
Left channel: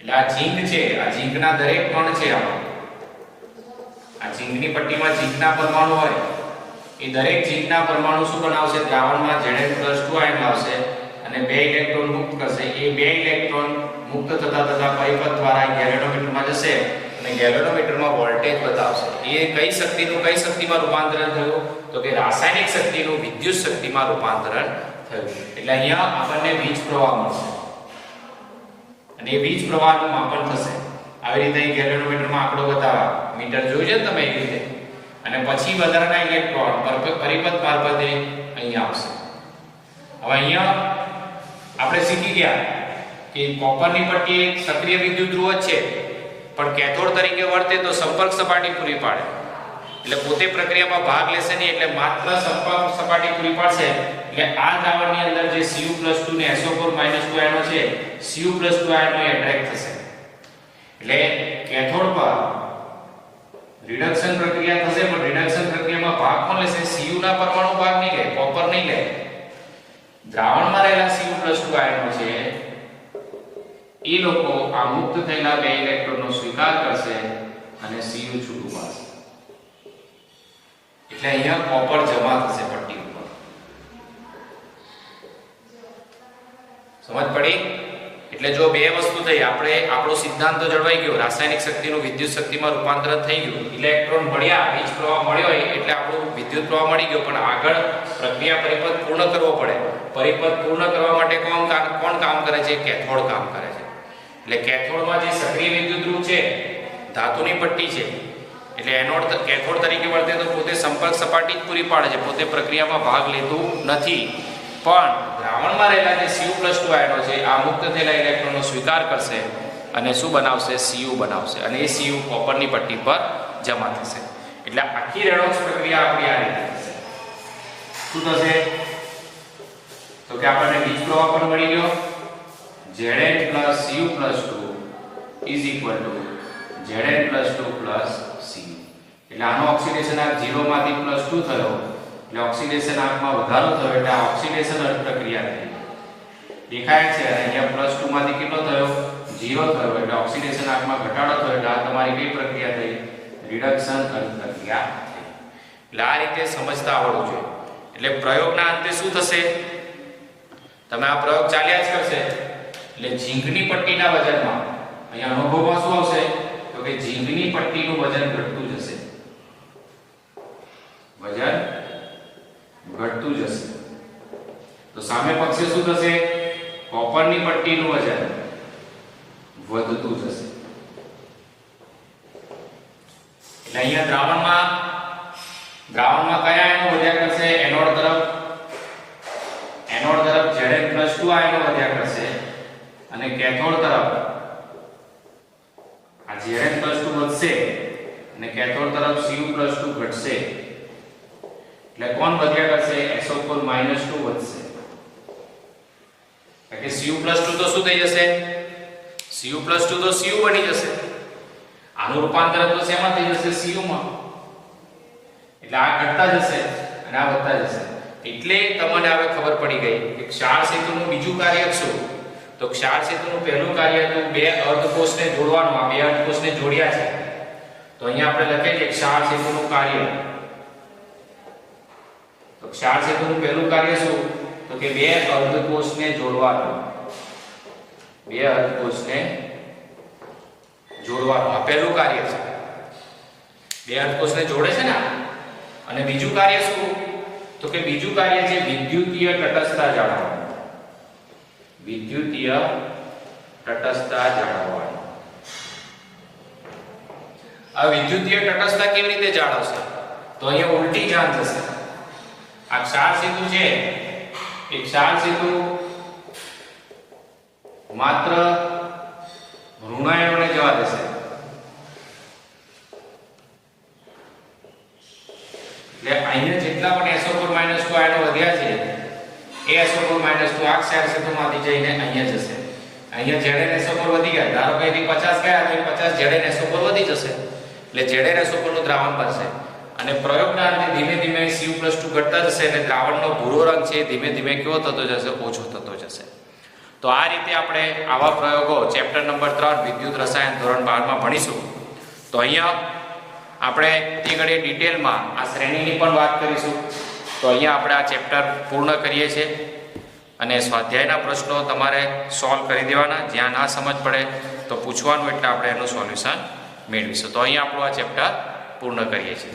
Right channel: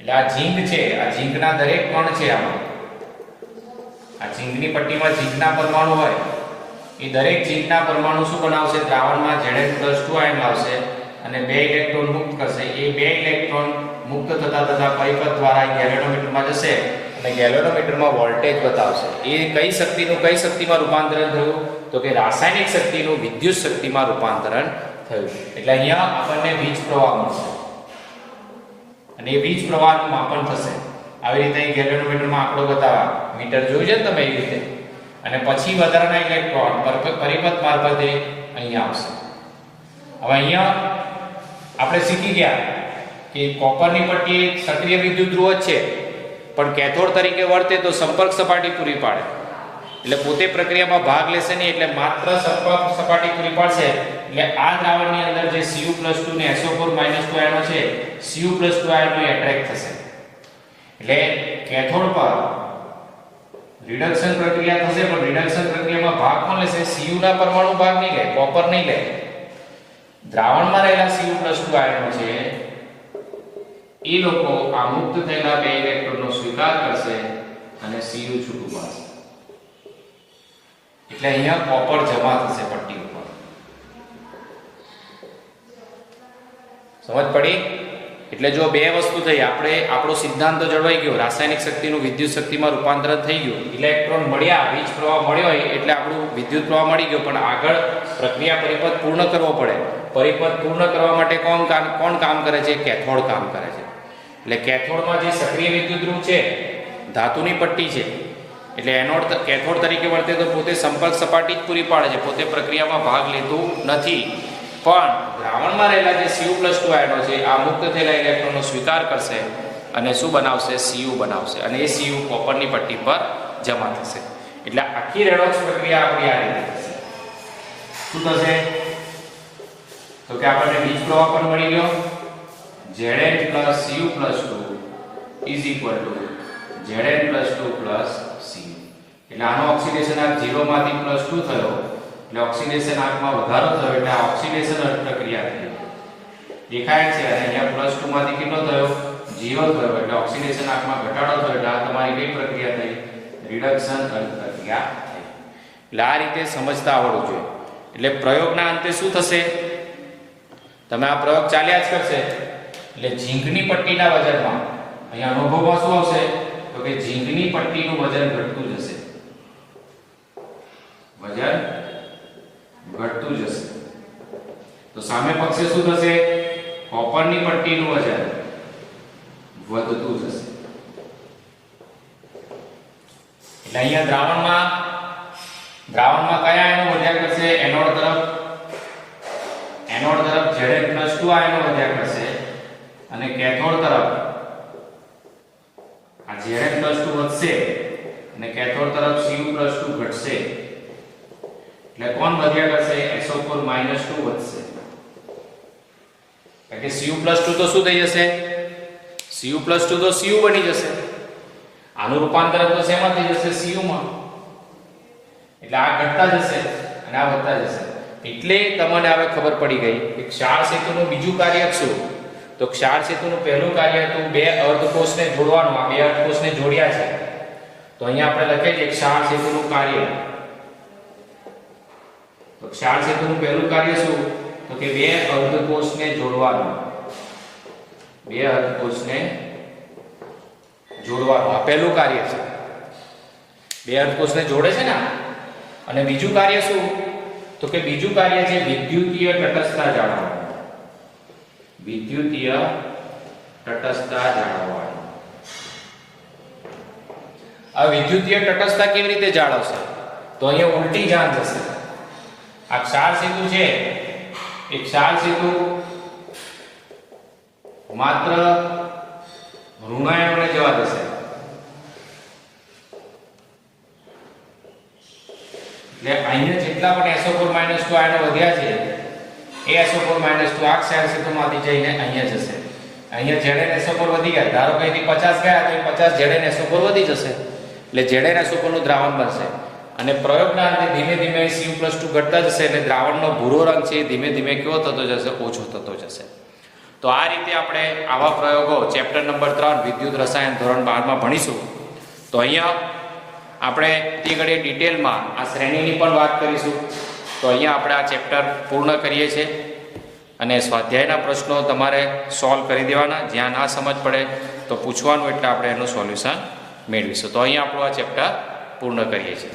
એટલે આ ઝીંક છે, આ ઝીંકના દરેક કણ છે આમાં. આ ઝીંકની પટ્ટીમાં ઝીંકના પરમાણુ હોય એ દરેક ઝીંકના પરમાણુ શું બનાવશે? દ્રાવણમાં Zn+2 આયન લાવશે અને 2 ઇલેક્ટ્રોન મુક્ત કરશે. એ 2 ઇલેક્ટ્રોન મુક્ત થતા પરિપથ દ્વારા ગેલ્વેનોમીટરમાં જશે અને ગેલ્વેનોમીટરમાં વોલ્ટેજ બતાવશે. એ કઈ શક્તિનું કઈ શક્તિમાં રૂપાંતરણ થયું? તો કે રાસાયણિક શક્તિનું વિદ્યુત શક્તિમાં રૂપાંતરણ થયું. એટલે અહીંયા આપણને વીજ પ્રવાહ મળશે અને એ વીજ પ્રવાહનું માપન થશે. આવી રીતે ગેલ્વેનોમીટરમાં આંકડો બતાવવા મીટર જોયું છે તમે એ રીતે. અને પછી વધારાના ઇલેક્ટ્રોન પરિપથ મારફતે અહીંયા આવશે. હવે અહીંયા આપણે શીખી ગયા કે કોપરની પટ્ટી એક સક્રિય વિદ્યુત ધ્રુવ છે પણ કેથોડ તરીકે વર્તે તો સંપર્ક સપાટી પૂરી પાડે એટલે પોતે પ્રક્રિયામાં ભાગ લેશે નહીં. એટલે માત્ર સંપર્ક સપાટી પૂરી પાડશે એટલે આ દ્રાવણની અંદર જે Cu+2 ને SO4- આયનો છે Cu+2 આયનો એટ્રેક્ટ થશે. એટલે કેથોડ પર રિડક્શન પ્રક્રિયા થશે પણ રિડક્શન પ્રક્રિયામાં ભાગ કોણ લેશે? Cu ના પરમાણુ ભાગ નહીં લે, કોપર નહીં લે. દ્રાવણમાં રહેલા Cu+2 આયનો છે એ લોકો આ મુક્ત થયેલા 2 ઇલેક્ટ્રોનનો સ્વીકાર કરશે અને Cu છૂટું પાડશે. એટલે અહીંયા કોપર જમા થશે પટ્ટી ઉપર. સમજ પડી? એટલે જો બે વસ્તુ થઈ, આપણે આપણો સિદ્ધાંત તો જળવાઈ ગયો, રાસાયણિક શક્તિનું વિદ્યુત શક્તિમાં રૂપાંતરણ થઈ ગયું, ઇલેક્ટ્રોન મળ્યા, વીજ પ્રવાહ મળ્યો એટલે આપણું વિદ્યુત પ્રવાહ મળી ગયો. પણ આગળ પ્રક્રિયા પરિપથ પૂર્ણ કરવો પડે. પરિપથ પૂર્ણ કરવા માટે કોણ કામ કરે છે? કેથોડ કામ કરે છે. એટલે કેથોડમાં જે સક્રિય વિદ્યુત ધ્રુવ છે ધાતુની પટ્ટી છે એટલે એનોડ કેથોડ તરીકે વર્તે તો પોતે સંપર્ક સપાટી જ પૂરી પાડે છે, પોતે પ્રક્રિયામાં ભાગ લેતું નથી, પણ દ્રાવણમાં રહેલા જે Cu+2 આયનો છે આ મુક્ત થયેલા ઇલેક્ટ્રોનનો સ્વીકાર કરશે અને શું બનાવશે? Cu બનાવશે, અને એ Cu કોપરની પટ્ટી પર જમા થશે. એટલે આખી રેડોક્સ પ્રક્રિયા આપણી આ રીતે થશે. શું થશે? તો કે આપણને બીજ પ્રવાહ પણ મળી ગયો. Zn plus Cu+2 is equal to Zn plus 2 plus Cu. એટલે આનો ઓક્સિડેશન આર્ક 0 માંથી +2 થયો, એટલે ઓક્સિડેશન આર્કમાં વધારો થયો, એટલે આ ઓક્સિડેશન પ્રક્રિયા થઈ. દેખાય છે, અને અહીંયા +2 માંથી કેટલો થયો? 0 થયો, એટલે ઓક્સિડેશન આર્કમાં ઘટાડો થયો, એટલે આ તમારી કઈ પ્રક્રિયા થઈ? રિડક્શન પ્રક્રિયા થઈ. એટલે આ રીતે સમજતા આવડવું જોઈએ. એટલે પ્રયોગના અંતે શું થશે? તમે આ પ્રયોગ ચાલ્યા જ કરશે, એટલે ઝીંકની પટ્ટીના વજનમાં અહીંયા અનુભવમાં શું આવશે? તો કે ઝીંકની પટ્ટીનું વજન ઘટતું જશે, વજન ઘટતું જશે. તો સામે પક્ષે શું થશે? કોપરની પટ્ટીનું વજન વધતું જશે. એટલે અહીંયા દ્રાવણમાં કયા આયનો વધ્યા કરશે? એનોડ તરફ Zn+2 આયનો વધ્યા કરશે, અને કેથોડ તરફ આ Zn+2 વધશે અને કેથોડ તરફ Cu+2 ઘટશે. એટલે કોણ વધ્યા કરશે? SO4 - 2 વધશે. એટલે Cu+2 તો શું થઈ જશે? Cu+2 તો Cu બની જશે. આનું રૂપાંતર તો શેમાં થઈ જશે? Cu માં. એટલે આ ઘટતા જશે અને આ વધતા જશે. એટલે તમને હવે ખબર પડી ગઈ કે ક્ષાર સેતુનું બીજું કાર્ય શું? તો ક્ષાર સેતુનું પહેલું કાર્ય હતું બે અર્ધકોષને જોડવાનું. આ બે અર્ધકોષને જોડ્યા છે, તો અહીંયા આપણે લખીએ છીએ ક્ષાર સેતુનું કાર્ય. તો ક્ષાર સેતુનું પહેલું કાર્ય શું? તો કે બે અર્ધકોષને જોડવાનું. બે અર્ધકોષને જોડવાનું આ પહેલું કાર્ય છે. બે અર્ધકોષને જોડે છે ને. અને બીજું કાર્ય શું? તો કે બીજું કાર્ય છે વિદ્યુતીય તટસ્થતા જાળવવાનું. વિદ્યુતીય તટસ્થતા જાળવવાનું. આ વિદ્યુતીય તટસ્થતા કેવી રીતે જાળવશે? તો અહીંયા ઉલટી જાણ થશે. આ ક્ષાર સેતુ છે, એ ક્ષાર સેતુ માત્ર ઋણાયનોને જવા દેશે. એટલે અહીંયા જેટલા પણ SO4 - 2 આયનો વધ્યા છે, એ SO4 - 2 આ ક્ષાર સેતુમાંથી જઈને અહીંયા જશે. અહીંયા ZnSO4 વધી ગયા. ધારો કે અહીંથી 50 ગયા તો 50 ZnSO4 વધી જશે, એટલે ZnSO4 નું દ્રાવણ બનશે. અને પ્રયોગના અંતે ધીમે ધીમે Cu+2 ઘટતા જશે, અને દ્રાવણનો ભૂરો રંગ છે ધીમે ધીમે કેવો થતો જશે? ઓછો થતો જશે. તો આ રીતે આપણે આવા પ્રયોગો ચેપ્ટર નંબર 3 વિદ્યુત રસાયણ ધોરણ 12 માં ભણીશું. તો અહીંયા આપણે તે ઘડી ડિટેલમાં આ શ્રેણીની પણ વાત કરીશું. તો અહીંયા આપણે આ ચેપ્ટર પૂર્ણ કરીએ છીએ, અને સ્વાધ્યાયના પ્રશ્નો તમારે સોલ્વ કરી દેવાના. જ્યાં ના સમજ પડે તો પૂછવાનું, એટલે આપણે એનું સોલ્યુશન મેળવીશું. તો અહીંયા આપણું આ ચેપ્ટર પૂર્ણ કરીએ છીએ.